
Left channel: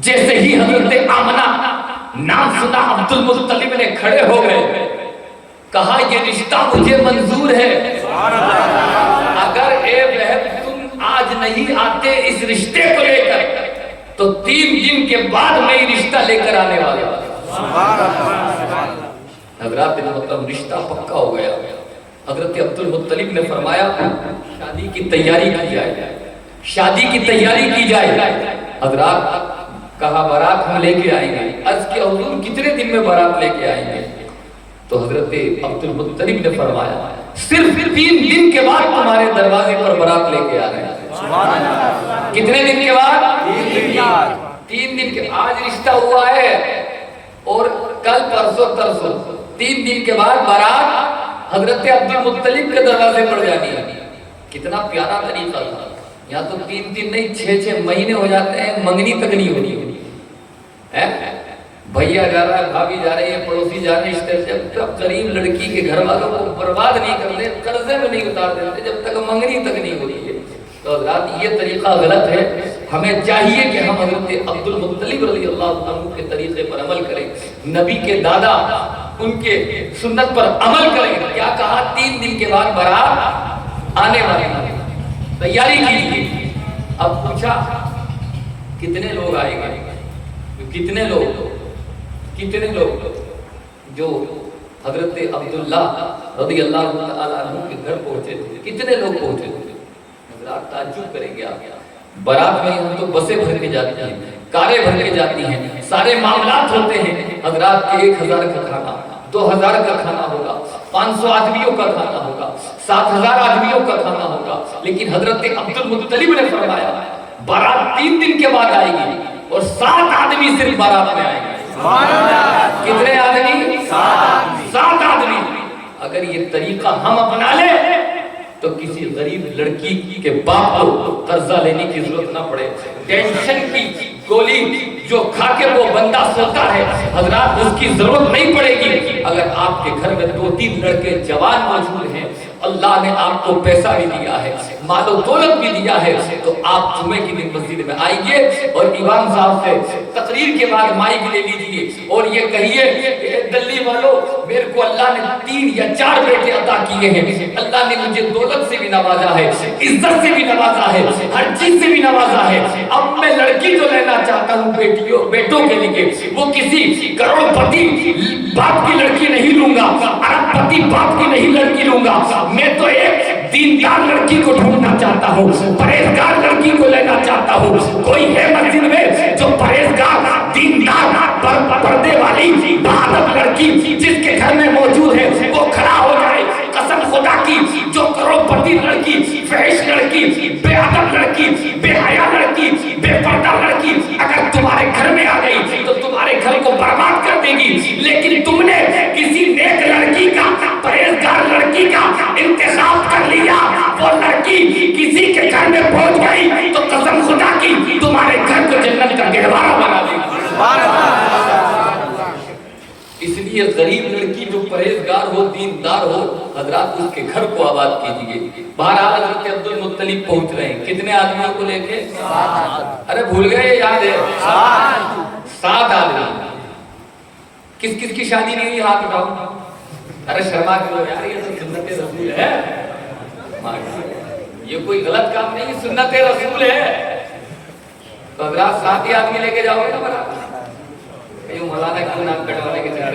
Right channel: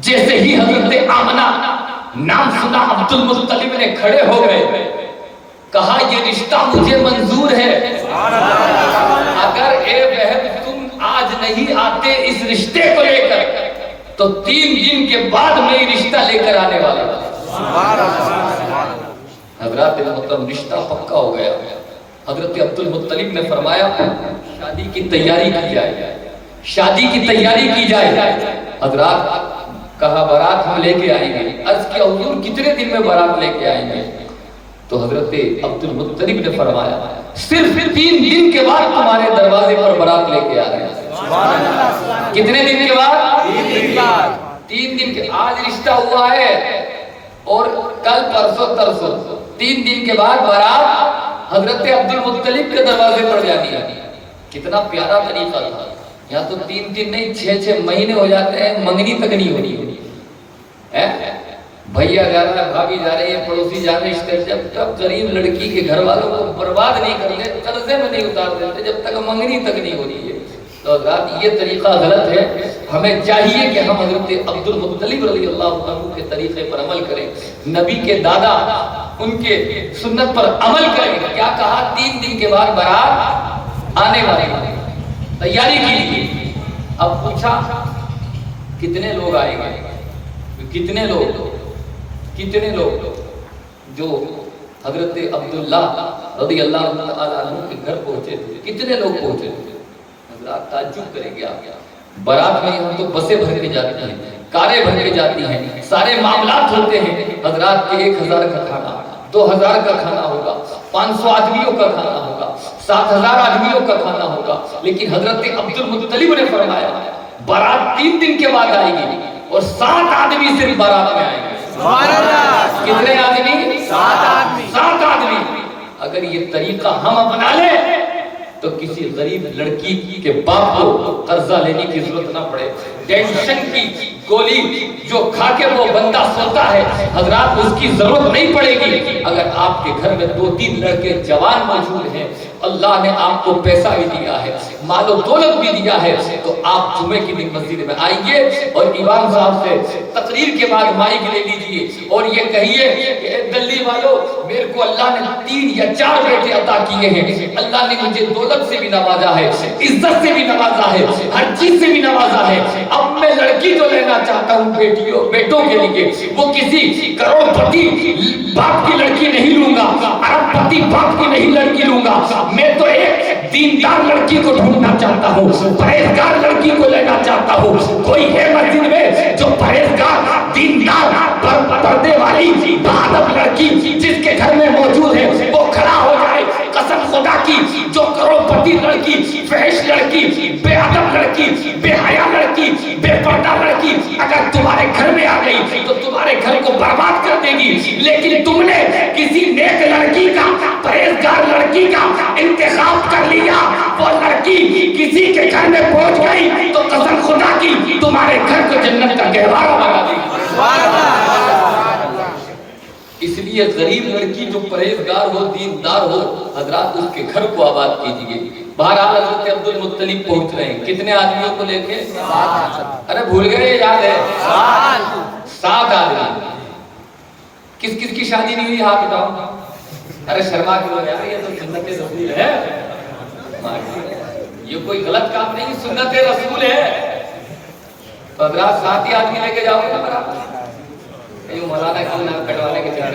جیسے ہی حضرت آمنہ نام سنا عبد المطلب نے کھڑے ہو گئے, کہا یہ رشتہ مجھے منظور ہے. اگر اے وہب تم آج نہیں آتے اس رشتے کو لے کر تو 3 دن کے بعد میں یہ رشتہ لے کر آنے والا. حضرات محترم رشتہ پکا ہو گیا. حضرت عبد المطلب نے فرمایا شادی کی تیاری کی جائے, شادی کی تیاری کی جائے. حضرات کہا بارات ہم لے کے آئیں گے. عرض کیا حضور کتنے دن میں بارات لے کے آئیں گے؟ تو حضرت عبد المطلب نے فرمایا صرف 3 دن کے بعد تمہارے دروازے پر بارات لے کے آ رہے ہیں. کتنے دن کے بعد؟ 3 دن کے بعد. 3 دن کے. آج رشتہ ہوا ہے اور کل پرسوں ترسوں 3 دن کے بعد بارات حضرت عبد المطلب کے دروازے پر جانی ہے. کتنا پیارا طریقہ تھا. یہاں تو 3 دن نہیں 6 مہینے ہو جاتے ہیں, منگنی تک نہیں ہونی. بھیا جا رہا ہے, بھابھی جا رہی ہے, پڑوسی جا رہے ہیں. جب تک غریب لڑکی کے گھر والوں کو برباد نہیں کر لے, قرضے میں نہیں اتار دیتے, جب تک منگنی تک نہیں ہو رہی ہے. تو حضرات یہ طریقہ غلط ہے. ہمیں چاہیے کہ ہم حضرت عبد المطلب رضی اللہ عنہ کے طریقے پر عمل کریں. نبی کے دادا ان کے سنت پر عمل کریں. کیا کہا 3 دن کے بعد بارات آنے والی ہے, تیاری کی. اب پوچھا کتنے لوگ آئیں گے, کتنے لوگ جو حضرت عبداللہ رضی اللہ عنہ کے گھر پہنچے تھے, کتنے لوگ پہنچے تھے؟ حضرات تعجب کریں گے آپ. بارات میں ہم تو بسیں بھر کے جاتی ہیں, کاریں بھر کے جاتی ہیں, سارے معاملات ہوتے ہیں. حضرات کے 1000 کا کھانا, 2000 کا کھانا ہوگا, 500 آدمیوں کا کھانا ہوگا, 7000 آدمیوں کا کھانا ہوگا. لیکن حضرت عبد المطلب نے فرمایا بارات 3 دن کے بعد آئے گی اور 7 آدمی صرف بارات میں آئیں گے. کتنے آدمی؟ 7 آدمی. اگر یہ طریقہ ہم اپنا لیں تو کسی غریب لڑکی کے باپ کو قرضہ لینے کی ضرورت نہ پڑے. ٹینشن کی گولی جو کھا کے وہ بندہ سوتا ہے حضرات اس کی ضرورت نہیں پڑے گی. اگر آپ کے گھر میں 2-3 لڑکے جوان موجود ہیں, اللہ نے آپ کو پیسہ بھی دیا ہے, مال و دولت بھی دیا ہے, تو آپ جمعے کی دن مسجد میں آئیں گے اور امام صاحب سے تقریر کے بعد مائک لے لیجئے اور یہ کہیے کہ دلی والوں میرے کو اللہ نے 3 یا 4 بیٹے عطا کیے ہیں. اللہ نے مجھے دولت سے بھی نوازا ہے, عزت سے بھی نوازا ہے, ہر چیز سے بھی نوازا ہے. اب میں لڑکی جو لینا چاہتا ہوں بیٹوں کے لیے, وہ کسی کروڑ پتی باپ کی لڑکی نہیں لوں گا, ارب پتی باپ کی نہیں لڑکی لوں گا. میں تو ایک دیندار لڑکی کو ڈھونڈنا چاہتا ہوں, پرہیزگار لڑکی کو لینا چاہتا ہوں. کوئی ہے مسجد میں جو پرہیزگار دیندار پردے والی بہادر لڑکی جس کے گھر میں موجود ہے وہ کھڑا ہو جائے. قسم خدا کی جو کروڑپتی لڑکی, فحش لڑکی, بے ادب لڑکی, بے حیا لڑکی, بے پردہ لڑکی اگر تمہارے گھر میں آ گئی تو تمہارے گھر کو برباد کر دے گی. لیکن تم نے کسی نیک لڑکی کا, پرہیزگار لڑکی کا انتخاب کر لیا, وہ لڑکی کسی کے گھر میں پہنچ گئی تو قسم خدا کی تمہارے گھر کو جنت کا گہوارہ بنا دے گی. اس لیے غریب لڑکی جو پرہیزگار ہو, دیندار ہو, حضرات اس کے گھر کو آباد کیجئے. بہرحال حضرت عبد المطلب پہنچ رہے ہیں. کتنے آدمیوں کو لے کے؟ ارے بھول گئے, یاد ہے 7 آدمی. کس کس کی شادی نہیں ہوئی ہاتھ اٹھاؤ. ارے شرما کے لوگ یار, یہ تو سنت رسول ہے, یہ کوئی غلط کام نہیں, سنت رسول ہے. تو حضرات 7 ہی آدمی لے کے جاؤ گے نا برابر. مولانا کیوں نام کٹوانے کے چکر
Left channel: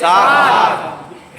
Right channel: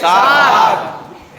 7।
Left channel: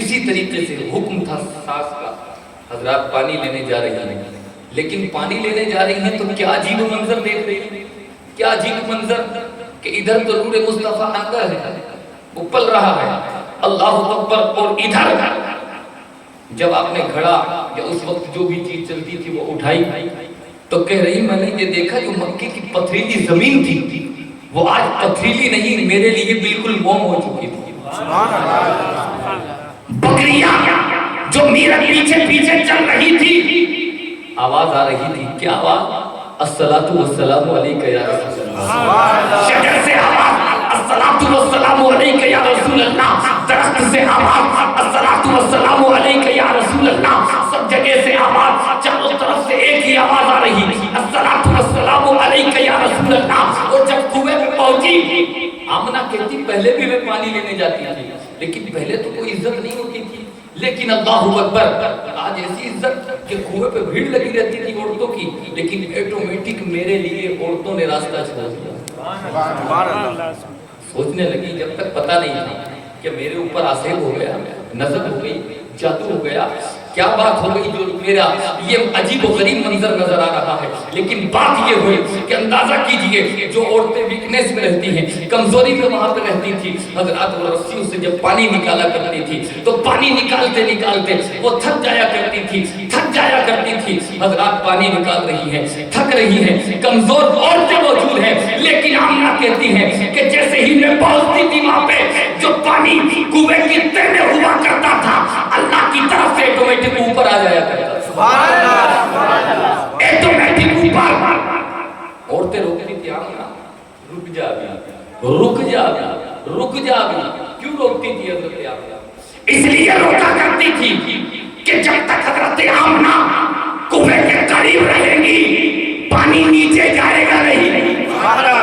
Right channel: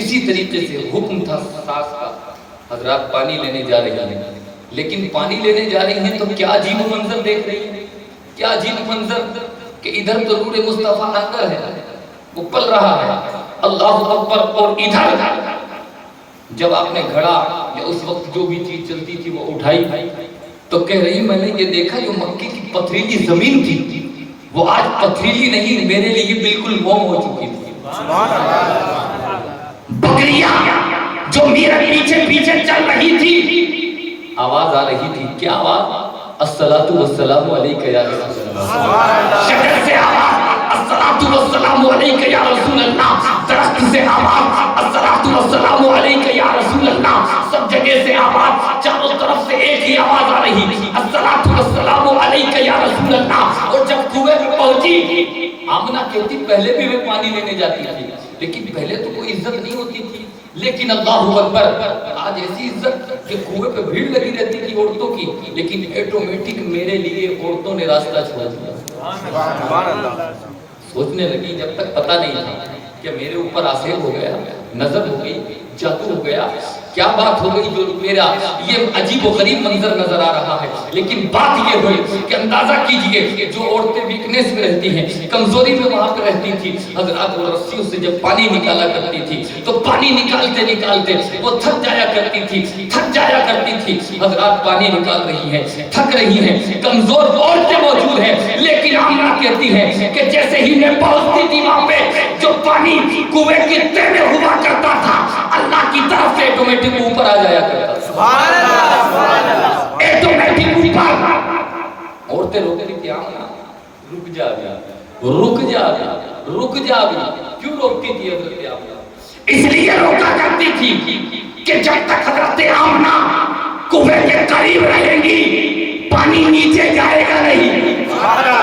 اسی طریقے سے حکم تھا ساس کا، حضرات پانی لینے جا رہی ہیں، لیکن پانی لینے جا رہی ہیں تو کیا عجیب منظر دیکھ رہی ہیں، کیا عجیب منظر کہ ادھر تو نور مصطفیٰ اندر ہے، وہ پل رہا ہے، اللہ اکبر، اور ادھر جب آپ نے گھڑا یا اس وقت جو بھی چیز چلتی تھی وہ اٹھائی تو کہہ رہی میں نے یہ دیکھا جو مکے کی پتھریلی زمین تھی وہ آج پتھریلی نہیں، میرے لیے بالکل موم ہو چکی تھی۔ سبحان اللہ۔ بکریاں جو میرے پیچھے پیچھے چل رہی تھی، آواز آ رہی تھی، کیا آواز؟ الصلاۃ والسلام علیک یا رسول اللہ۔ سبحان اللہ۔ شجر سے آواز الصلاۃ والسلام علیک یا رسول اللہ، درخت سے آواز الصلاۃ والسلام علیک یا رسول اللہ، سب جگہ سے آواز، چاروں طرف سے ایک ہی آواز آ رہی، الصلاۃ والسلام علیک یا رسول اللہ۔ اور جب کنویں پہ پہنچی، آمنہ کہتی پہلے بھی میں پانی لینے جاتی تھی لیکن پہلے تو کوئی عزت نہیں ہوتی تھی، لیکن اللہ اکبر آج ایسی عزت کہ کنویں پہ بھیڑ لگی رہتی تھی عورتوں کی، لیکن آٹومیٹک میرے لیے عورتوں نے راستہ چھوڑ دیا۔ سبحان اللہ۔ سوچنے لگی جب تک پتہ نہیں تھا کہ میرے اوپر آسیب ہو گیا، نظر ہو گئی، جادو ہو گیا، کیا بات ہو گئی جو میرا یہ عجیب و غریب منظر نظر آ رہا ہے، لیکن بات یہ ہوئی کہ اندازہ کیجئے جو عورتیں ویکنیس میں رہتی ہیں، کمزوری میں وہاں پہ رہتی تھی، حضرات وہ رسیوں سے جب پانی نکالا کرتی تھی تو پانی نکالتے نکالتے وہ تھک جایا کرتی تھی، حضرات پانی نکال رہی ہیں، تھک رہی ہیں، کمزور عورتیں موجود ہیں، لیکن آمنہ کہتی ہے کہ جیسے ہی میں پہنچتی تھی وہاں پہ جو پانی کنویں کی تہ میں ہوا کرتا تھا اللہ کی طرف سے آٹومیٹک اوپر آ جایا کرتا۔ سبحان اللہ۔ سبحان اللہ۔ آٹومیٹک اوپر۔ عورتیں روکتی تھی، آمنہ رک جا بھی، رک جا بھی، رک جا بھی۔ کیوں روکتی تھی حضرت آمنہ؟ اس لیے روکا کرتی تھی کہ جب تک حضرت آمنہ کنویں کے قریب رہیں گی پانی نیچے جائے گا نہیں، ہمارا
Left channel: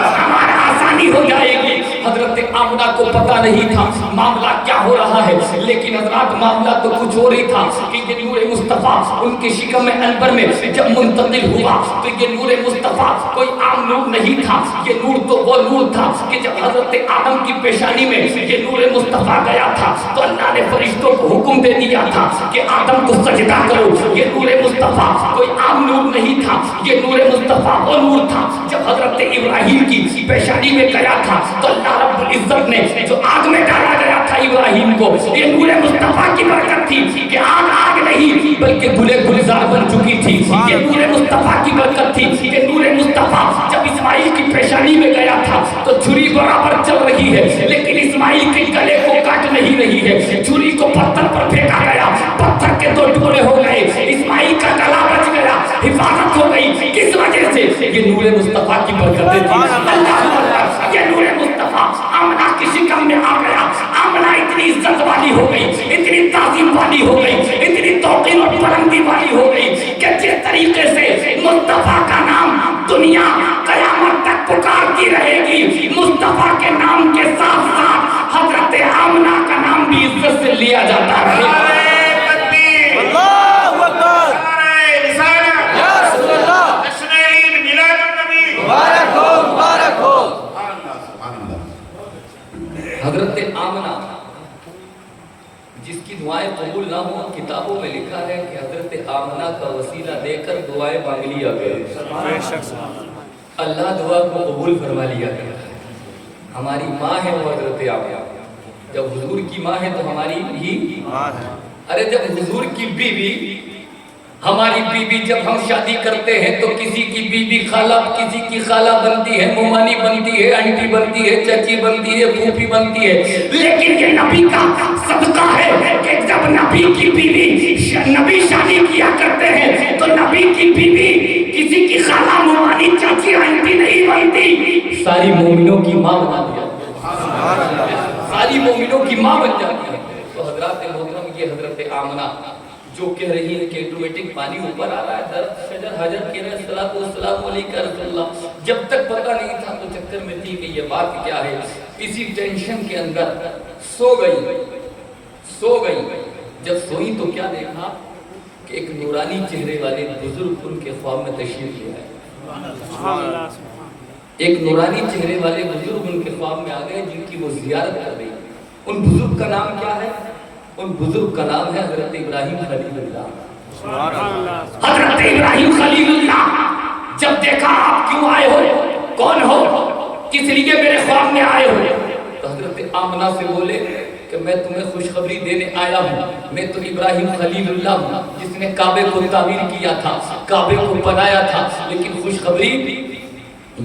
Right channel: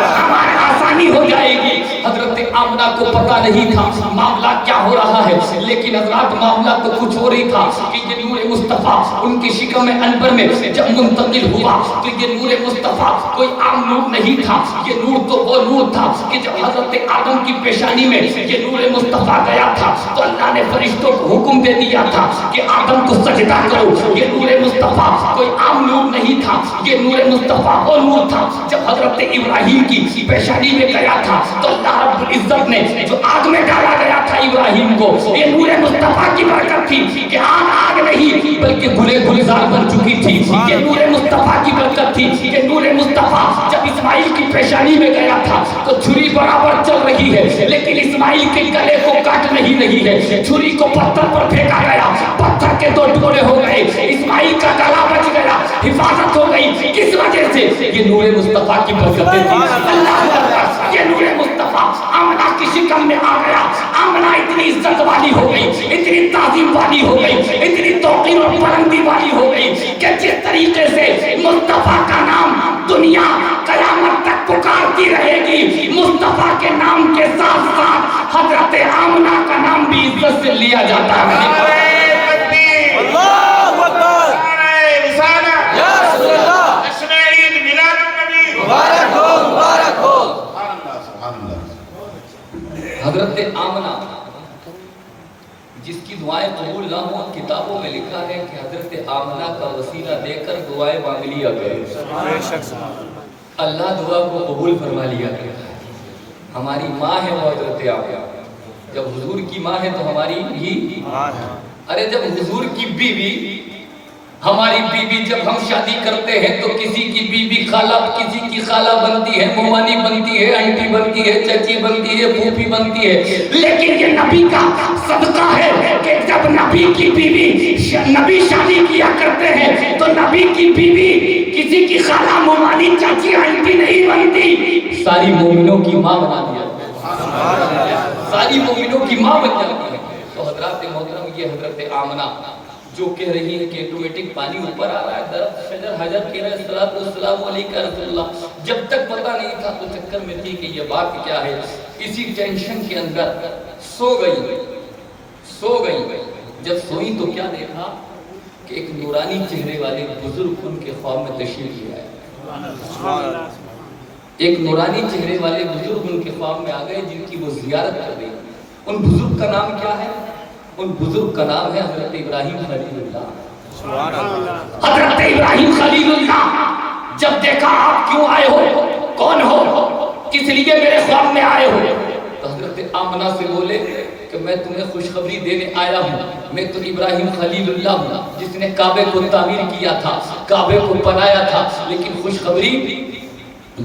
آسانی ہو جائے گی۔ حضرت آمنہ کو پتہ نہیں تھا معاملہ کیا ہو رہا ہے، لیکن حضرات معاملہ تو کچھ ہو رہی تھا کہ یہ نور مصطفیٰ ان کی شکم انور میں جب منتقل ہوا تو یہ نور مصطفیٰ کوئی عام نور نہیں تھا، یہ نور تو وہ نور تھا کہ جب حضرت آدم کی پیشانی میں یہ نور مصطفیٰ گیا تھا تو اللہ نے فرشتوں کو حکم دے دیا تھا کہ آدم کو سجدہ کرو۔ یہ نور مصطفیٰ کوئی عام نور نہیں تھا، یہ نور مصطفیٰ وہ نور تھا جب حضرت ابراہیم کی پیشانی میں گیا تھا تو اللہ رب العزت نے جو آگ میں ڈالا گیا تھا ابراہیم کو، یہ نور مصطفیٰ کی برکت تھی کہ آگ آگ نہیں بلکہ گلے گلزار بن چکی تھی۔ یہ نور مصطفیٰ کی برکت تھی کہ نور مصطفیٰ جب اسماعیل کی پیشانی میں گیا تھا تو چھری برابر چل رہی ہے لیکن اسماعیل کے گلے کو کاٹ نہیں رہی ہے، چھری کو پتھر پر پھینکا گیا، پتھر کے دو ٹکڑے ہو گئے، اسماعیل کا گلا بچ گیا، حفاظت ہو گئی۔ کس وجہ سے؟ یہ نور مصطفیٰ کی برکتیں تھی۔ یہ نور مصطفیٰ آمنہ کی شکم میں آ گیا، آمنہ اتنی عزت والی ہو گئی، اتنی تعظیم والی ہو گئی، اتنی توقیر اور بلندی والی ہو گئی کہ جس طریقے سے مصطفیٰ کا نام دنیا قیامت تک پکارتی رہے گی، مصطفیٰ کے نام کے ساتھ ساتھ حضرت آمنہ کا نام بھی عزت سے لیا جاتا ہے۔ اللہ اکبر۔ یا رسول اللہ۔ جشن عید میلاد النبی مبارک ہو، مبارک ہو۔ حضرت آمنہ جس کی دعائیں قبول نہ ہوں کتابوں میں لکھا ہے کہ حضرت آمنہ کا وسیلہ دے کر دعائیں مانگ لیا گئے، بے شک سبحان اللہ۔ اللہ دعا کو قبول فرما لیا گیا۔ ہماری ماں ہے وہ حضرت آمنہ، جب حضور کی ماں ہے تو ہماری بھی ماں ہے۔ ارے جب حضور کی بیوی ہماری بیوی جب ہم شادی کرتے ہیں تو کسی کی بیوی خالہ، کسی کی خالہ بنتی ہے، مومانی بنتی ہے، آنٹی بنتی ہے، چچی بنتی ہے، پھوپھی بنتی ہے، لیکن یہ نبی کا صدقہ ہے کہ جب نبی کی بیوی نبی شادی کیا کرتے ہیں تو نبی کی بیوی کسی کی خالہ، مومانی، چچی، آنٹی نہیں بنتی، ساری مومنوں کی ماں بنا دیا، سبحان اللہ۔ ساری مومنوں کی ماں بن جاتی ہے۔ تو حضرات محترم یہ حضرت آمنہ جو کہہ رہی ہے کہ آٹومیٹک پانی اوپر آ رہا ہے، درخت شجر حجر کہہ رہا ہے الصلاۃ والسلام علیک رسول اللہ، جب تک پتہ نہیں تھا تو چکر میں تھی کہ یہ بات کیا ہے، اسی ٹینشن کے اندر سو گئی۔ جب سوئی تو کیا دیکھا کہ ایک نورانی چہرے والے بزرگ ان کے خواب میں تشریف لے آئے، ایک نورانی چہرے والے بزرگ ان کے خواب میں آ گئے جن کی وہ زیارت کر رہی۔ ان بزرگ کا نام کیا ہے؟ ان بزرگ کا نام ہے حضرت ابراہیم خلیل اللہ. سبحان اللہ. حضرت ابراہیم خلیل اللہ جب دیکھا آپ کیوں آئے ہو, کون ہو, کس لیے میرے خواب میں آئے ہو, تو حضرت آمنہ سے بولے کہ میں تمہیں خوشخبری دینے آیا ہوں, میں تو ابراہیم خلیل اللہ ہوں جس نے کعبے کو تعمیر کیا تھا, کعبے کو بنایا تھا, لیکن خوشخبری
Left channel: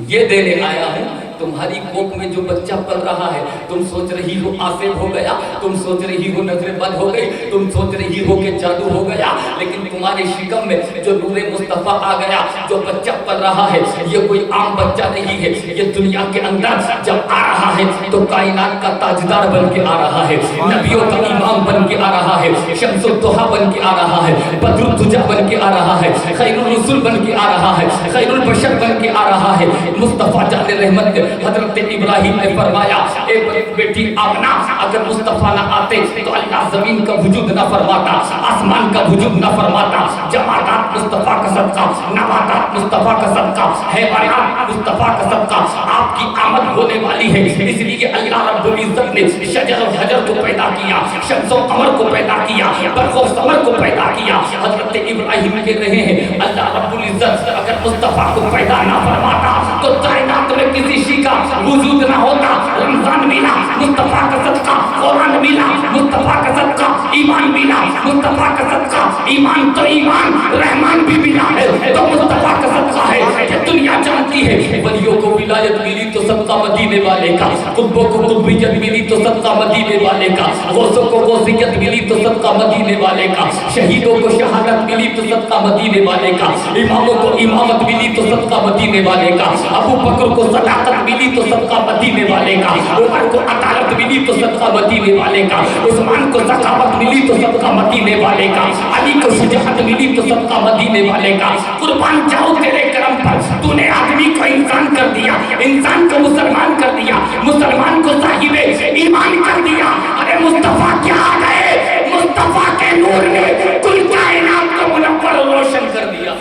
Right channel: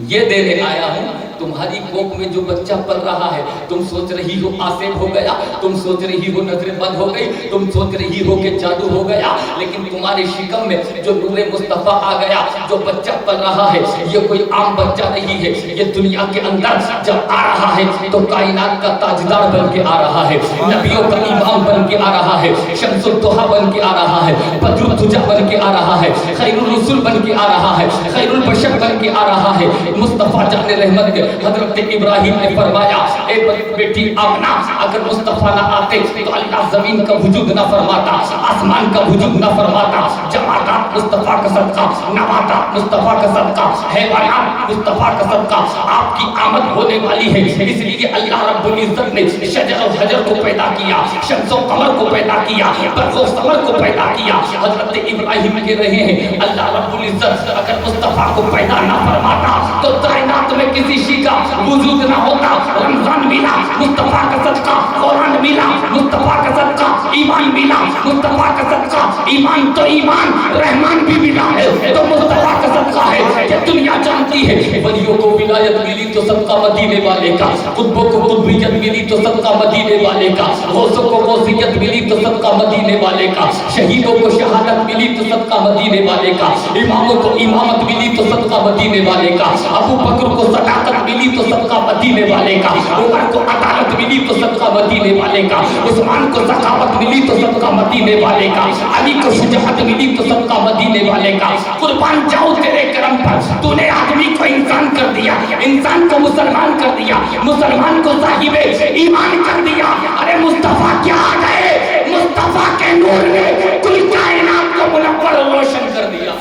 یہ دینے آیا ہوں تمہاری کوکھ میں جو بچہ پل رہا ہے, تم سوچ رہی ہو آسیب ہو گیا, تم سوچ رہی ہو نظریں بند ہو گئی, تم سوچ رہی ہو کہ جادو ہو گیا, لیکن تمہارے شکم میں جو نور مصطفیٰ آ گیا, جو بچہ پل رہا ہے, یہ کوئی عام بچہ نہیں ہے, یہ دنیا کے اندر جب آ رہا ہے تو کائنات کا تاجدار بن کے آ رہا ہے, نبیوں کا امام بن کے آ رہا ہے, شمس الضحیٰ بن کے آ رہا ہے, بدر الدجا بن کے آ رہا ہے, خیر الرسل بن کے آ رہا ہے, خیر البشر بن کے آ رہا ہے. مصطفیٰ جان رحمت کے حضرت ابراہیم نے فرمایا اے بیٹی آمنہ, اگر مصطفیٰ نہ آتے تو اللہ زمین کا وجود نہ فرماتا, آسمان کا وجود نہ فرماتا, جمادات مصطفیٰ کا صدقہ, نباتات مصطفیٰ کا صدقہ, حیوانات مصطفیٰ کا صدقہ آپ کی آمد ہونے والی ہے. اس لیے اللہ رب العزت نے شجر و حجر کو پیدا کیا, شمس و قمر کو پیدا کیا, برق و ثمر کو پیدا کیا. حضرت ابراہیم کہہ رہے ہیں اللہ رب العزت اگر مصطفیٰ کو پیدا نہ فرماتا تو کائنات میں کسی شی کا وجود نہ ہوتا. رمضان ملا مصطفیٰ کا صدقہ, قرآن ملا مصطفیٰ کا صدقہ, ایمان ملا مصطفیٰ کا صدقہ, ایمان تو ایمان رحمان بھی ملا ہے تو مصطفیٰ کا صدقہ ہے. یہ دنیا جانتی ہے ولیوں کو ولایت ملی تو صدقہ مدینے والے کا, قطبوں کو قطبیت ملی تو صدقہ مدینے والے کا, غوثوں کو غوثیت ملی تو صدقہ مدینے والے کا, شہیدوں کو شہادت ملی تو صدقہ مدینے والے کا, اماموں کو امامت ملی تو صدقہ مدینے والے کا, ابو بکر کو صداقت ملی تو صدقہ مدینے والے کا, عمر کو عدالت ملی تو صدقہ مدینے والے کا, عثمان کو سخاوت ملی تو صدقہ مدینے والے کا, علی کو شجاعت ملی تو صدقہ مدینے والے کا. قربان جاؤ تیرے کرم پر, تو نے آدمی کو انسان کر دیا, انسان کو مسلمان کر دیا, مسلمان کو صاحب ایمان کر دیا. ارے مصطفیٰ کیا آ گئے, مصطفیٰ کے نور نے کل کائنات کو منور و روشن کر دیا.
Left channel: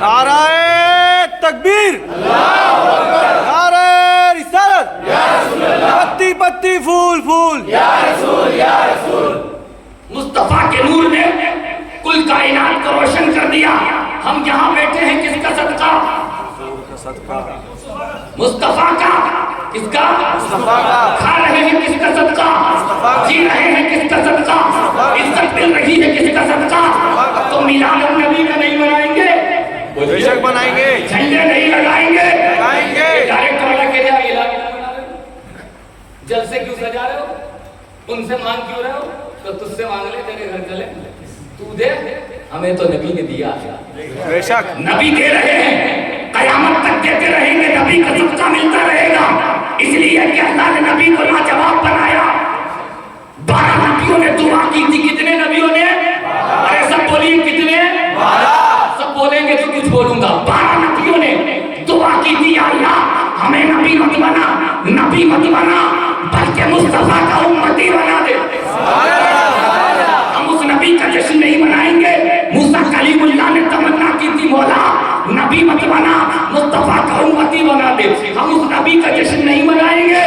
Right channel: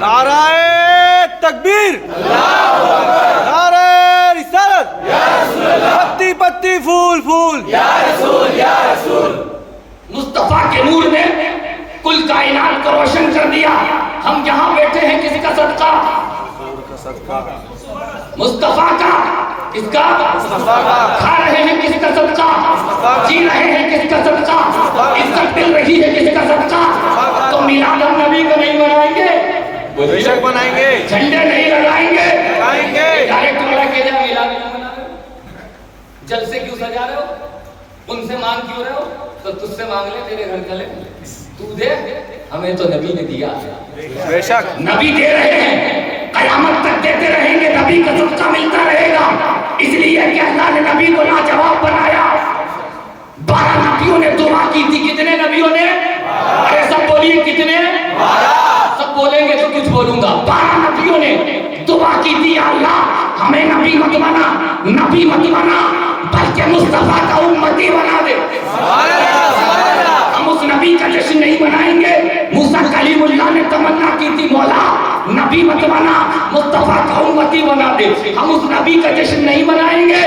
نعرہ تکبیر, نعرہ رسالت, پتی پتی پھول پھول, مصطفیٰ کے نور نے کل کائنات کو روشن کر دیا. ہم یہاں بیٹھے ہیں کس کا صدقہ, حضور کا صدقہ, مصطفیٰ کا. کس کا, مصطفیٰ کا. کھا رہے ہیں کس کا صدقہ, مصطفیٰ کا. جی رہے ہیں کس کا صدقہ, مصطفیٰ کا. عزت مل رہی ہے کس کا صدقہ. مصطفیٰ کا. تو میلاد النبی کا نہیں منائیں گے, بے شک بنائیں گے, جھنڈے نہیں لگائیں گے, لگائیں گے. ڈائریکٹ والا کہہ جائے میلاد کیوں منا رہے ہو, جلسے کیوں سجا رہے ہو, ان سے مانگ کیوں رہے ہو, تو تجھ سے مانگ لے, تیرے گھر چلے, تو دے, ہمیں تو نبی نے دیا. بے شک نبی دے رہے ہیں, قیامت تک دیتے رہیں گے, نبی کا صدقہ ملتا رہے گا. اس لیے کہ اللہ نے نبی کو لاجواب بنایا. 12 نبیوں نے دعا کی تھی. کتنے نبیوں نے, ارے سب بولیے کتنے, 12. سب بولیں گے تو کچھ بولوں گا. 12 نبیوں نے دعا کی تھی اللہ ہمیں نبی مت بنا, نبی مت بنا, بلکہ مصطفیٰ کا امتی بنا دے. ہم اس نبی کا جشن نہیں منائیں گے. موسیٰ کلیم اللہ نے تمنا کی تھی مولا نبی مت بنا, مصطفیٰ کا امتی بنا دے. ہم اس نبی کا جشن نہیں منائیں گے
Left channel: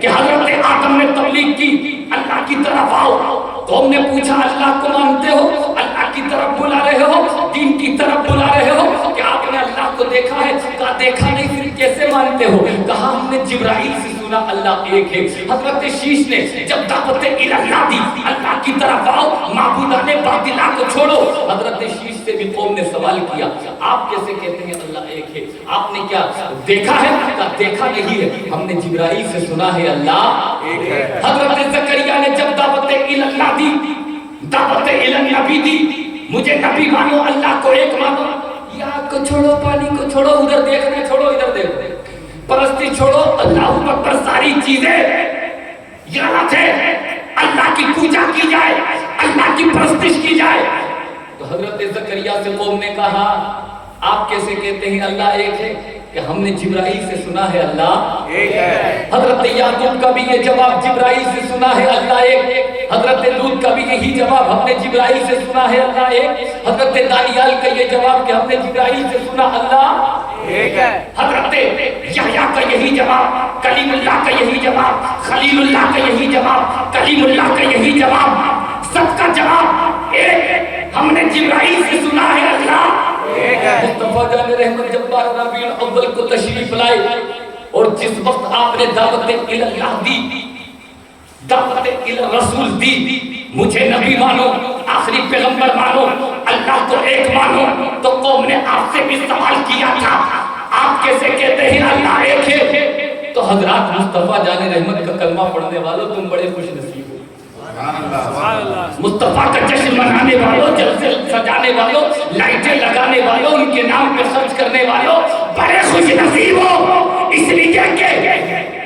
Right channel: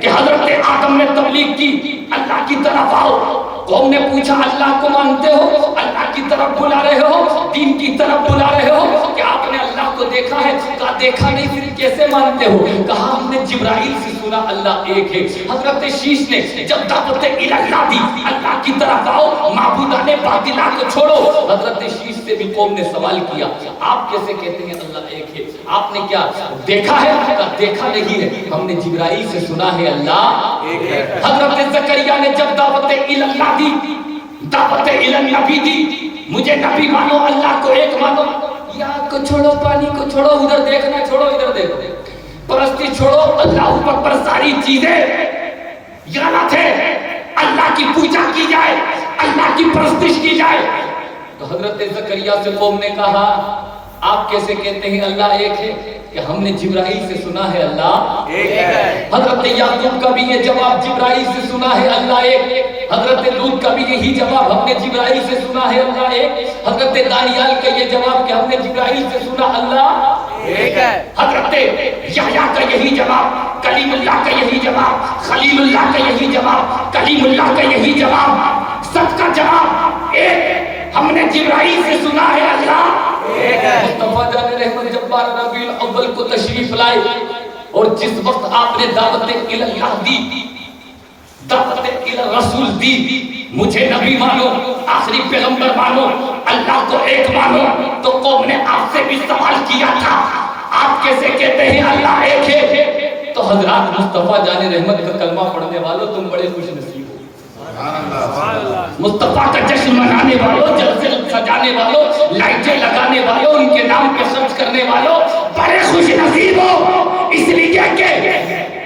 کہ حضرت آدم نے تبلیغ کی, اللہ کی طرف آؤ. قوم نے پوچھا اللہ کو مانتے ہو, اللہ کی طرف بلا رہے ہو, دین کی طرف بلا رہے ہو, کہ آپ نے اللہ کو دیکھا ہے, کہا دیکھا نہیں پھر کیسے مانتے ہو, کہا ہم نے جبرائیل سے سنا اللہ ایک ہے. حضرت شیش نے جب دعوت الہ دی, اللہ کی طرف آؤ, معبودان باطلہ کو چھوڑو, حضرت شیش سے بھی قوم نے سوال کیا آپ کیسے کہتے ہیں اللہ ایک ہے, آپ نے کیا دیکھا ہے, کہا دیکھا نہیں ہے, ہم نے جبرائیل سے سنا ہے اللہ ایک ہے. حضرت زکریا نے جب دعوت الہ دی, دعوت النبی دی, مجھے نبی مانو, اللہ کو ایک مانو, یاد کو چھوڑو, پانی کو چھوڑو, ادھر دیکھنا چھوڑو, ادھر دیکھو, پرستی چھوڑو, اللہ اکبر ساری چیزیں یاد ہے, اللہ کی پوجا کی جائے, اللہ کی پرستش کی جائے. تو حضرت زکریا سے قوم نے کہا آپ کیسے کہتے ہیں اللہ ایک ہے, کہ ہم نے جبرائیل سے سنا ہے اللہ ایک ہے. حضرت یعقوب کا بھی یہ جواب, جبرائیل سے سنا ہے اللہ ایک. حضرت لوط کا بھی بھی یہی جواب ہم نے جبرائیل سے سنا ہے اللہ ایک، حضرت دانیال کا یہ جواب کہ ہم نے جبرائیل سے سنا اللہ ایک ہے، حضرت یحییٰ کا یہی جواب، کلیم اللہ کا یہی جواب، خلیل اللہ کا یہی جواب، کلیم اللہ کا یہی جواب، سب کا جواب ایک، ہم نے جبرائیل سے سنا ہے اللہ ایک ہے۔ مصطفیٰ جان رحمت جب 12 ربیع الاول کو تشریف لائے اور جس وقت آپ نے دعوت اللہ دی، دعوت رسول دی، مجھے نبی مانو، آخری پیغمبر مانو، اللہ کو ایک مانو، تو قوم نے آپ سے بھی سوال کیا تھا آپ کیسے کہتے ہیں اللہ ایک ہے؟ تو حضرات مصطفیٰ جان رحمت کا کلمہ پڑھنے والوں تم بڑے خوش نصیب ہو، مصطفیٰ کا جشن منانے والوں، جلسے سجانے والوں، لائٹیں لگانے والوں، ان کے نام پہ خرچ کرنے والوں بڑے خوش نصیب ہو، اس لیے کہ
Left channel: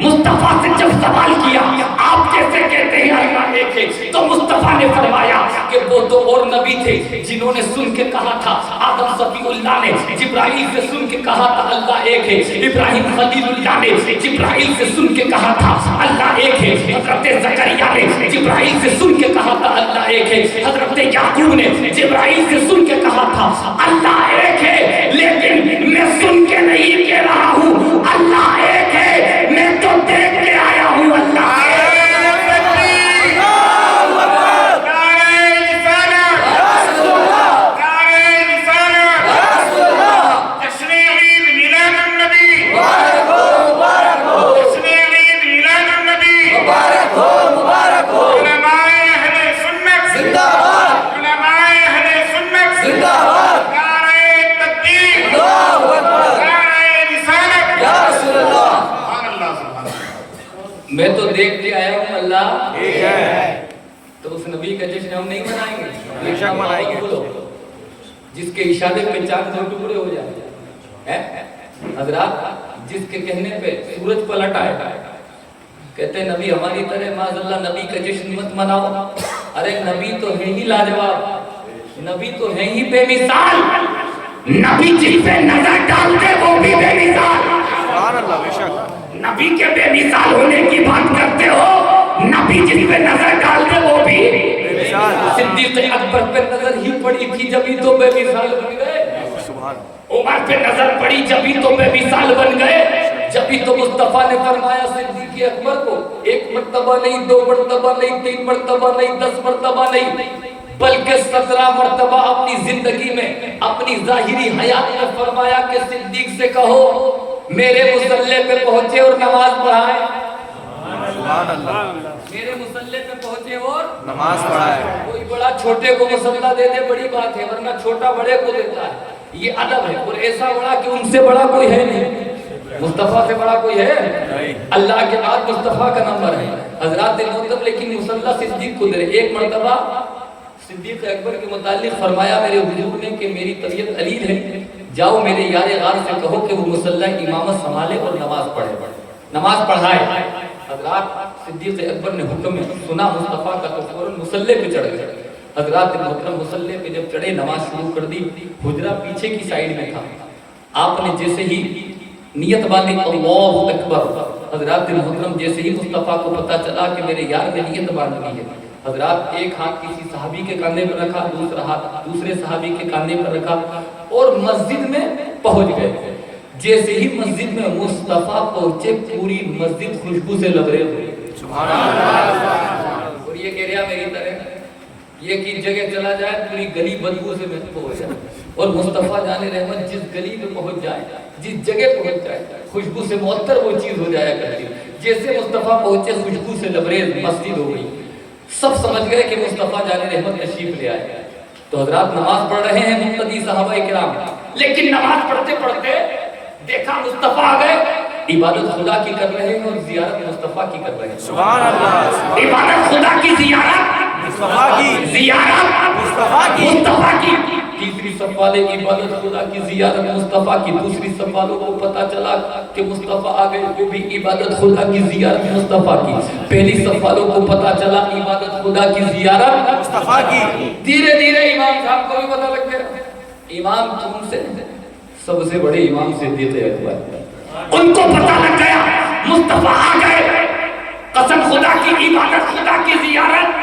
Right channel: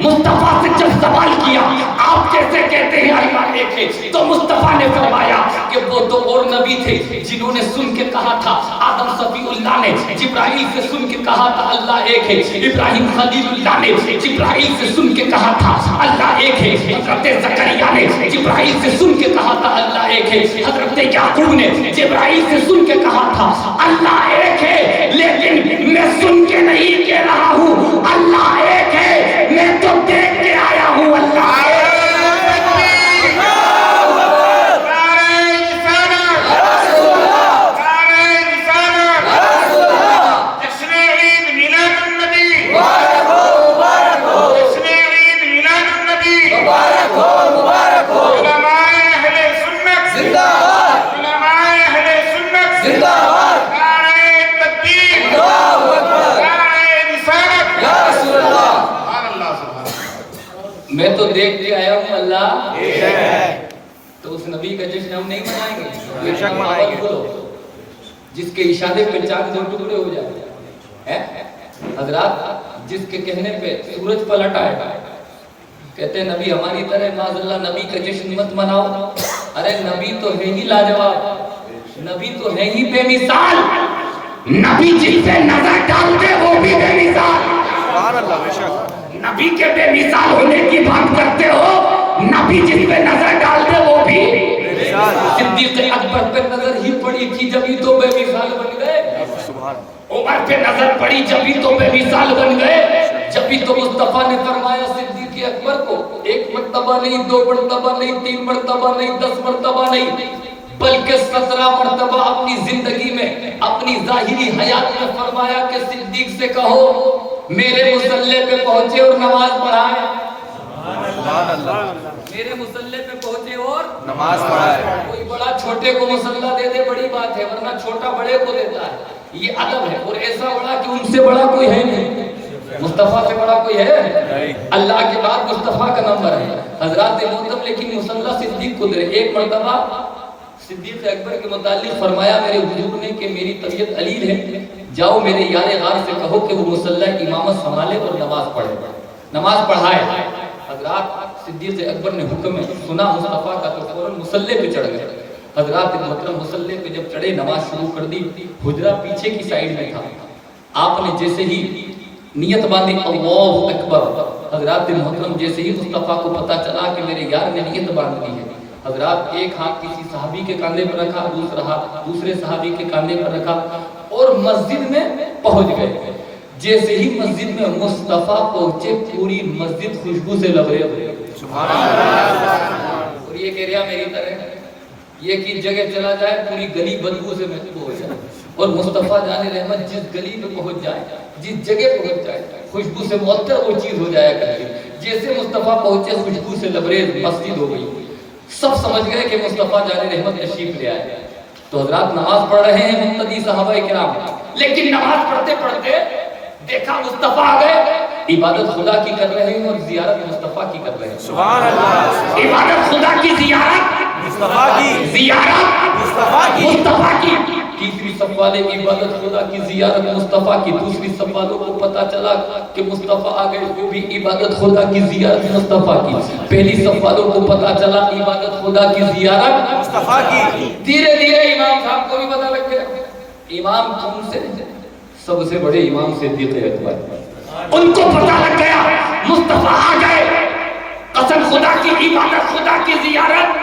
مصطفیٰ سے جب سوال کیا آپ کیسے کہتے ہیں اللہ ایک ہے، تو مصطفیٰ نے فرمایا کہ وہ دو اور نبی تھے جنہوں نے سن کے کہا تھا، آدم صفی اللہ نے جبرائیل سے سن کے کہا تھا اللہ ایک ہے، ابراہیم خلیل اللہ نے جبرائیل سے سن کے کہا تھا اللہ ایک ہے، حضرت زکریا نے جبرائیل سے سن کے کہا تھا اللہ ایک ہے، حضرت یعقوب نے جبرائیل سے سن کے کہا تھا اللہ ایک ہے، لیکن میں سن کے نہیں کہہ رہا ہوں اللہ ایک ہے، میں تو دیکھ کے آیا ہوں اللہ ایک ہے۔ میں تو دیکھ کے آیا ہوں اللہ ایک ہے، تو اس نبی کا جشن ہم نہیں منائیں گے؟ بے شک منائیں گے، جس کے اشارے پہ چاند دو ٹکڑے ہو جائے، حضرات جس کے کہنے پہ سورج پلٹ آئے، کہتے ہیں نبی ہماری طرح معاذ اللہ نبی کا جشن مت مناؤ، ارے نبی تو ہے ہی لاجواب، نبی تو ہے ہی بے مثال، نبی جس پہ نظر ڈال دے وہ بھی بے مثال، سبحان اللہ، بے شک نبی کے بے مثال ہونے کی بات کرتے ہو، نبی جس پہ نظر ڈال دے وہ بھی بے مثال، صدیق اکبر پہ نظر ہی پڑی تھی جبھی تو بے مثال بن گئے، سبحان عمر پہ نظر پڑی جبھی تو بے مثال بن گئے، جبھی تو مصطفیٰ نے فرمایا صدیق اکبر کو ایک مرتبہ نہیں، دو مرتبہ نہیں، تین مرتبہ نہیں، 10 مرتبہ نہیں، بلکہ 17 مرتبہ اپنی زندگی میں اپنی ظاہری حیات میں فرمایا کہ صدیق سے کہو میرے مصلی پہ پہنچے اور نماز پڑھائے، سبحان اللہ، میرے مصلی پہ پہنچے اور نماز پڑھائے، کوئی بڑا چھوٹے کو مصلی دے دے بڑی بات ہے، ورنہ چھوٹا بڑے کو دیتا ہے، یہ ادب ہے، اور ایسا بڑا کہ ان سے بڑا کوئی ہے نہیں، مصطفیٰ سے بڑا کوئی ہے نہیں، اللہ کے بعد مصطفیٰ کا نمبر ہے، حضرات محترم، لیکن مصلی صدیق کو دے، ایک مرتبہ صدیق اکبر کے متعلق فرمایا میرے حضور نے کہ میری طبیعت علیل ہے، جاؤ میرے یار غار سے کہو کہ وہ مصلی امامت سنبھالے اور نماز پڑھے، نماز پڑھائے، حضرات صدیق اکبر نے حکم سنا مصطفیٰ کا تو فوراً مصلی پہ چڑھ گئے، حضرات محترم مصلی پہ جب چڑھے نماز شروع کر دی، حجرہ پیچھے کی سائیڈ میں تھا، آپ نے جیسے ہی نیت باندھی اللہ اکبر، حضرات محترم جیسے ہی مصطفیٰ کو پتا چلا کہ میرے یار نے نیت باندھ لی ہے، حضرات ایک ہاتھ کسی صحابی کے کاندھے پر رکھا، دوسرا ہاتھ دوسرے صحابی کے کاندھے پر رکھا اور مسجد میں پہنچ گئے، جیسے ہی مسجد میں مصطفیٰ پہنچے پوری مسجد خوشبو سے لبریز ہوئی، سبحان اللہ، اور یہ کہہ رہا میری طرح یہ کہ جگہ چلا جائے پوری گلی بدبو سے محفوظ ہو جائے، اور مصطفیٰ جان رحمت جس گلی میں پہنچ جائے، جس جگہ پہنچ جائے خوشبو سے معطر وہ چیز ہو جایا کرتی، جیسے مصطفیٰ پہنچے خوشبو سے لبریز مسجد ہو گئی، سب سمجھ گئے کہ مصطفیٰ جان رحمت تشریف لے آئے، تو حضرات نماز پڑھ رہے ہیں مقتدی صحابہ کرام، لیکن نماز پڑھتے پڑھتے دیکھا مصطفیٰ آ گئے، عبادت خدا کی کر رہے ہیں اور زیارت مصطفیٰ کی کر رہے ہیں، سبحان اللہ، عبادت خدا کی زیارت مصطفیٰ کی، زیارت مصطفیٰ کی، مصطفیٰ کی، تیسری صف والے عبادت خدا کی زیارت مصطفیٰ کی، دوسری صف والوں کو پتا چلا کہ مصطفیٰ آ گئے وہ بھی عبادت خدا کی زیارت مصطفیٰ کی، پہلی صف والوں کو پتا چلا عبادت خدا کی زیارت مصطفیٰ کی، دھیرے دھیرے امام صاحب کو بھی پتا لگ گیا، امام کون سے سب سے بڑے امام صدیق اکبر، ان کو پتا لگ گیا مصطفیٰ آ گئے، قسم خدا کی عبادت خدا کی زیارت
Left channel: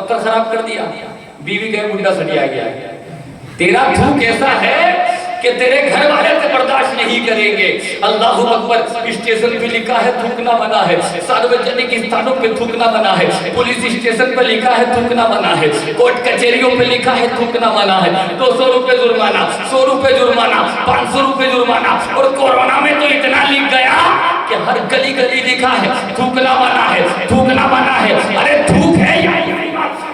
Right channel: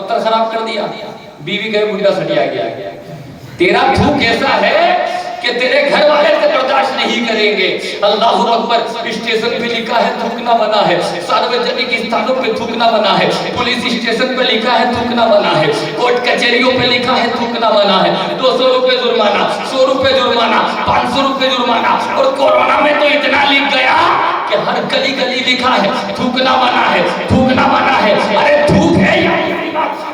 پتھر خراب کر دیا. بیوی کہے بڈھا سٹیا گیا. تیرا تھوک ایسا ہے کہ تیرے گھر والے سے برداشت نہیں کریں گے. اللہ اکبر. اسٹیشن پہ لکھا ہے تھوکنا منع ہے, ساروجنک استھانوں پہ تھوکنا منع ہے, پولیس اسٹیشن پہ لکھا ہے تھوکنا منع ہے, کورٹ کچہریوں پہ لکھا ہے تھوکنا منع ہے. 200 روپے جرمانہ, 100 روپے جرمانہ, 500 روپے جرمانہ. اور کورونا میں تو اتنا لکھ گیا کہ ہر گلی گلی لکھا ہے تھوکنا منع ہے, تھوکنا منع ہے. ارے تھوک ہے یا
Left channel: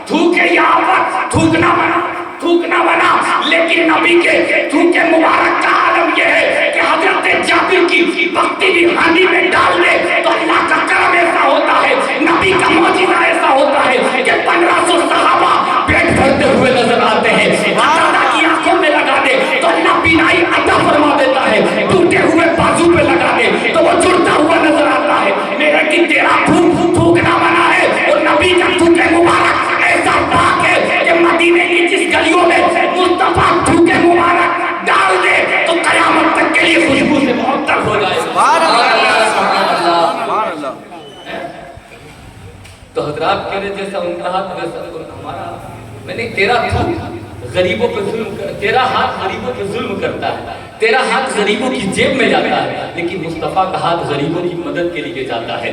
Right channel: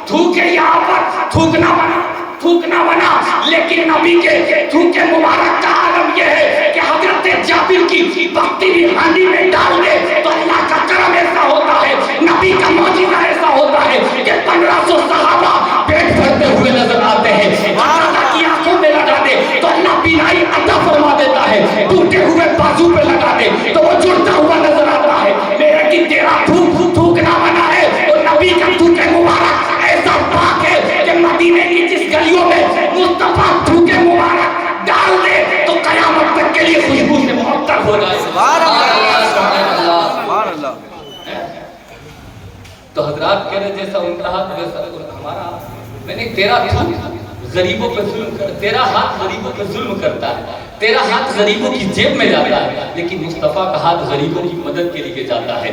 تھوک ہے یہاں پر, تھوکنا منع, تھوکنا منع. لیکن نبی کے تھوک مبارک کا عالم یہ ہے کہ حضرت جابر کی بختی بھی ہانی میں ڈال دے تو اللہ کا کرم ایسا ہوتا ہے, نبی کا معجزہ ایسا ہوتا ہے کہ 1500 صحابہ پیٹ بھرتے ہوئے نظر آتے ہیں. اللہ کی آنکھوں میں لگا دے تو اللہ بینائی عطا فرما دیتا ہے, ٹوٹے ہوئے بازو پہ لگا دے تو وہ جڑتا ہوا نظر آتا ہے. میرا کہ تیرا تھوکنا منع ہے اور نبی کا تھوک مبارک ایسا پاک ہے کہ مدینے کی جس گلیوں میں مصطفیٰ تھوک مبارک ڈال دے تو قیامت تک کے لیے خوشبو سے معطر ہو جائے. سبحان اللہ, سبحان اللہ. تو حضرات کہہ رہے جیسا ان کا ہاتھ ویسا ہمارا. میں نے تیرا غریبوں پہ ظلم کر, تیرا ہاتھ غریبوں پہ ظلم کرتا ہے, تیرا ہاتھ غریبوں کی جیب میں جاتا ہے, لیکن مصطفیٰ کا ہاتھ غریبوں کی مدد کے لیے جاتا ہے,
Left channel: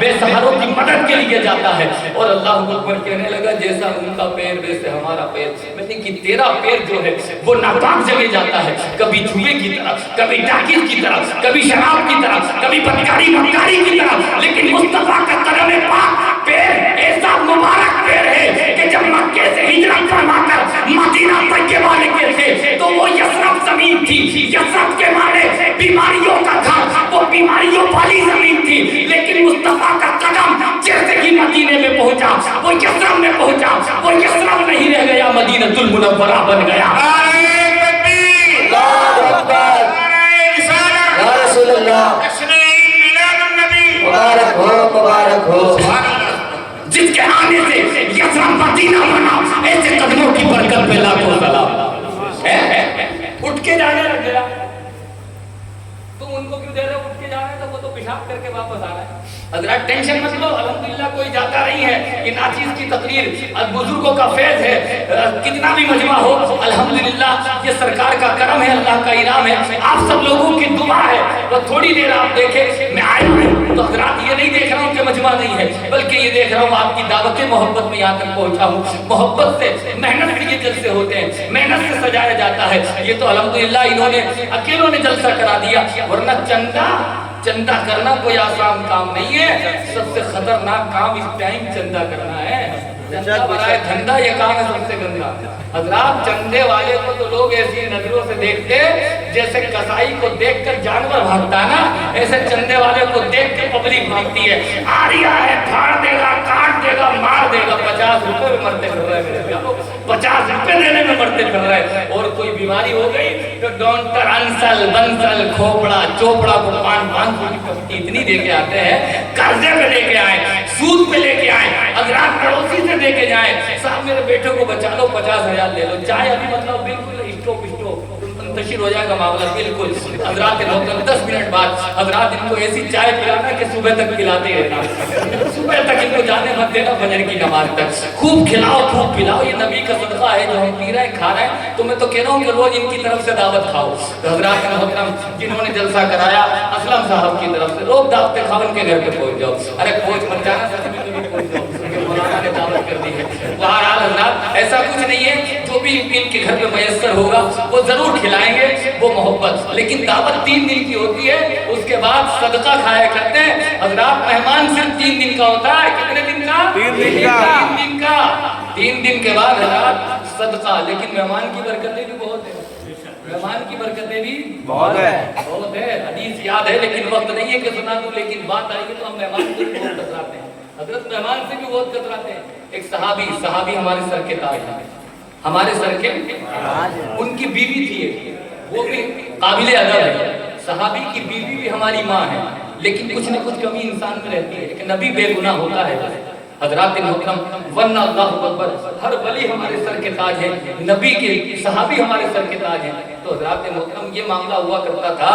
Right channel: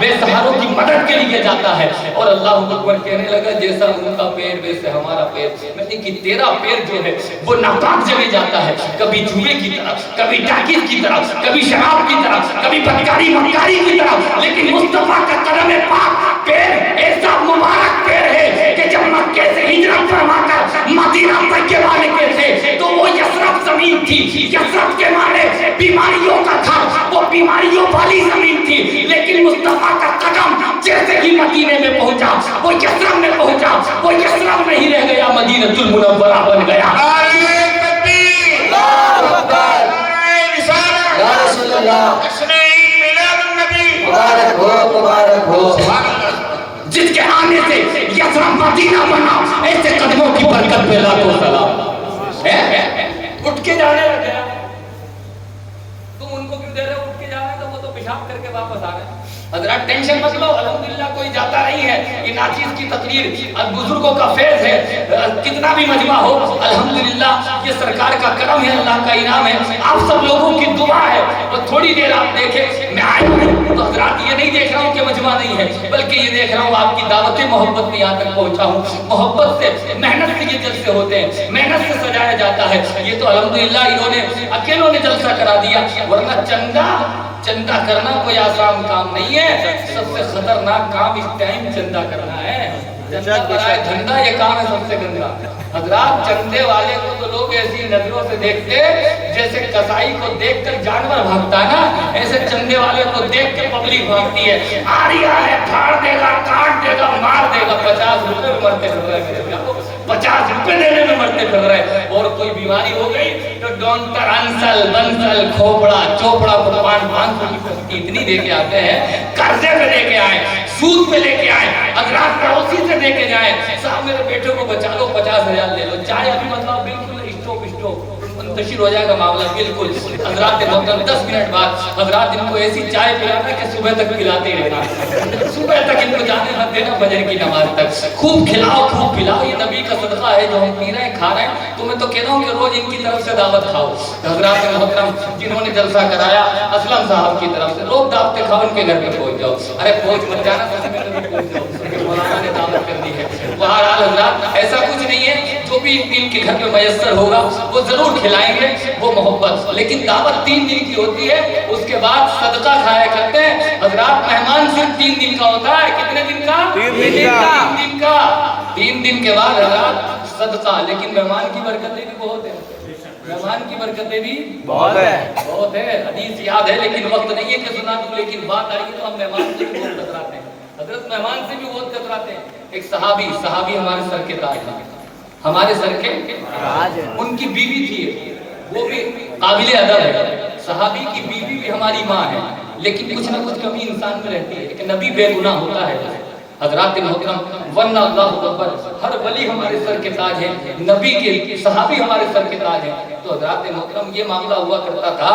بے سہاروں کی مدد کے لیے جاتا ہے. اور اللہ اکبر کہنے لگا جیسا ان کا پیر ویسے ہمارا پیر. میں نے کہ تیرا پیر جو ہے وہ ناپاک جگہ جاتا ہے, کبھی جوئے کی طرف, کبھی ڈاکیت کی طرف, کبھی شراب کی طرف, کبھی بدکاری مکاری کی طرف. لیکن مصطفیٰ کا قدم پاک پیر ایسا مبارک پیر ہے کہ جب مکے سے ہجرت فرما کر مدینہ طیبہ نکلے تھے تو وہ یثرب زمین تھی. یثرب کے معنی بیماریوں کا تھا, وہ بیماریوں والی زمین تھی. لیکن مصطفیٰ کا قدم جیسے ہی مدینے میں پہنچا وہ یثرب میں پہنچا, وہ یثرب نہیں رہ گیا, مدینہ المنورہ بن گیا. اللہ اکبر, یا رسول اللہ, مبارک ہو, مبارک ہو. جس کے آنے سے یثرب مدینہ بنا, ایسے قدموں کی برکت پہ لاکھوں سلام. اٹھ کے جانے لگ گیا. تم ان کو کیوں دے رہے ہو اٹھ کے جانا ہے, تو وہ تو پیشاب کر کے واپس آ رہے ہیں. حضرات ٹینشن مت لو, الحمدللہ کوئی جاتا نہیں ہے. یہ ناچیز کی تقریر اب بزرگوں کا فیض ہے, کتنا بھی مجمع ہو الحمدللہ یہ سرکار کا کرم ہے, اللہ کا انعام ہے, آپ سب لوگوں کی دعا ہے. وہ تھوڑی دیر آپ دیکھیں, میں آیا ہوں تو حضرات یہ نہیں دیکھ رہا ہوں کہ مجمع نہیں ہے, بلکہ یہ دیکھ رہا ہوں آپ کی دعوت محبت میں یہاں تک پہنچا ہوں. محبت سے, محنت سے یہ جلسے ہوتے ہیں, محنت سے سجایا جاتا ہے. یہ تو الحمدللہ انہوں نے اکیلوں نے جلسہ کرا دیا, ورنہ چندہ کرنا کوئی آسان کام نہیں ہے. سب سے خطرناک کام اس ٹائم چندہ کرنا ہے. چندہ بنائے دھندا, یہ کام ہے سب سے گندا. حضرات چندے والے کو تو لوگ ایسی نظروں سے دیکھتے جیسے کسائی کو دیکھ کر جانور بھاگتا نا, ایسے چندے والے کو دیکھ کے پبلک بھاگتی ہے. آ رہا ہے, پھاڑ دے گا, کاٹ دے گا, مار دے گا. 50 روپے میں مرتے پھر رہے میرے کیا, 50 روپے دینے میں مرتے پھر رہے. اور کوئی بیماری ہو گئی تو ڈاکٹر انسل بنسل کھوپڑا چوپڑا کو 500 کی اتنی دے کے آتے ہیں, قرضے پہ لے کے آئے, سود پہ لے کے آئے, حضرات پڑوسی سے دے کے جائیں, صاحب میرے بیٹے کو بچا لو 50,000 لے لو. چاہے ابھی مطلب بالکل اسٹوپ منتشر ہو جائے گا معاملہ بالکل. حضرات محترم 10 منٹ بعد حضرات ان کو ایسی چائے پلانا کہ صبح تک پلاتے ہی رہنا, صبح تک ان کو جانے مت دینا فجر کی نماز تک. خوب کھلاؤ, خوب پلاؤ, یہ نبی کا صدقہ ہے جو ہم پی رہے ہیں, کھا رہے ہیں. تو میں تو کہہ رہا ہوں کہ روز ان کی طرف سے دعوت کھاؤ. حضرات محترم جنہوں نے جلسہ کرایا اسلم صاحب کی طرف سے روز دعوت کھاؤ, ان کے گھر پہ پہنچ جاؤ. ارے پہنچ مت جانا, سچ میں کبھی پہنچ جاؤ, مولانا نے دعوت کر دی ہے. بہرحال حضرات ایسا کچھ نہیں ہے, جو بھی ان کے گھر میں میسر ہوگا وہ ضرور کھلائیں گے, وہ محبت. لیکن دعوت 3 دن کی ہوتی ہے, اس کے بعد صدقہ کھایا کرتے ہیں. حضرات مہمان صرف 3 دن کا ہوتا ہے. کتنے دن کا؟ 3 دن کا. 3 دن کا. 3 دن کے بعد حضرات صدقہ. لیکن مہمان کی برکتیں بھی بہت ہیں, مہمان کی برکتیں بھی بہت ہے, بہت ہے. حدیث یاد ہے لیکن وقت نہیں ہے کہ سنا دوں, لیکن بات آئی تو ہم مہمان سے بھی بہت کتراتے ہیں. حضرت مہمان سے بھی بہت کتراتے ہیں. ایک صحابی ہمارے سر کے تاج ہیں, ہمارے سر کے, ان کی بیوی تھی, وہ بھی قابل ادب ہے. صحابی کی بیوی بھی ہماری ماں ہے, لیکن کچھ نہ کچھ کمی انسان میں رہتی ہے. ایک نبی بے گناہ ہوتا ہے. حضرات محترم ورنہ اللہ اکبر, ہر ولی ہمارے سر کے تاج ہے, نبی کے صحابی ہمارے سر کے تاج ہیں. تو حضرات محترم یہ معاملہ ہوا کرتا تھا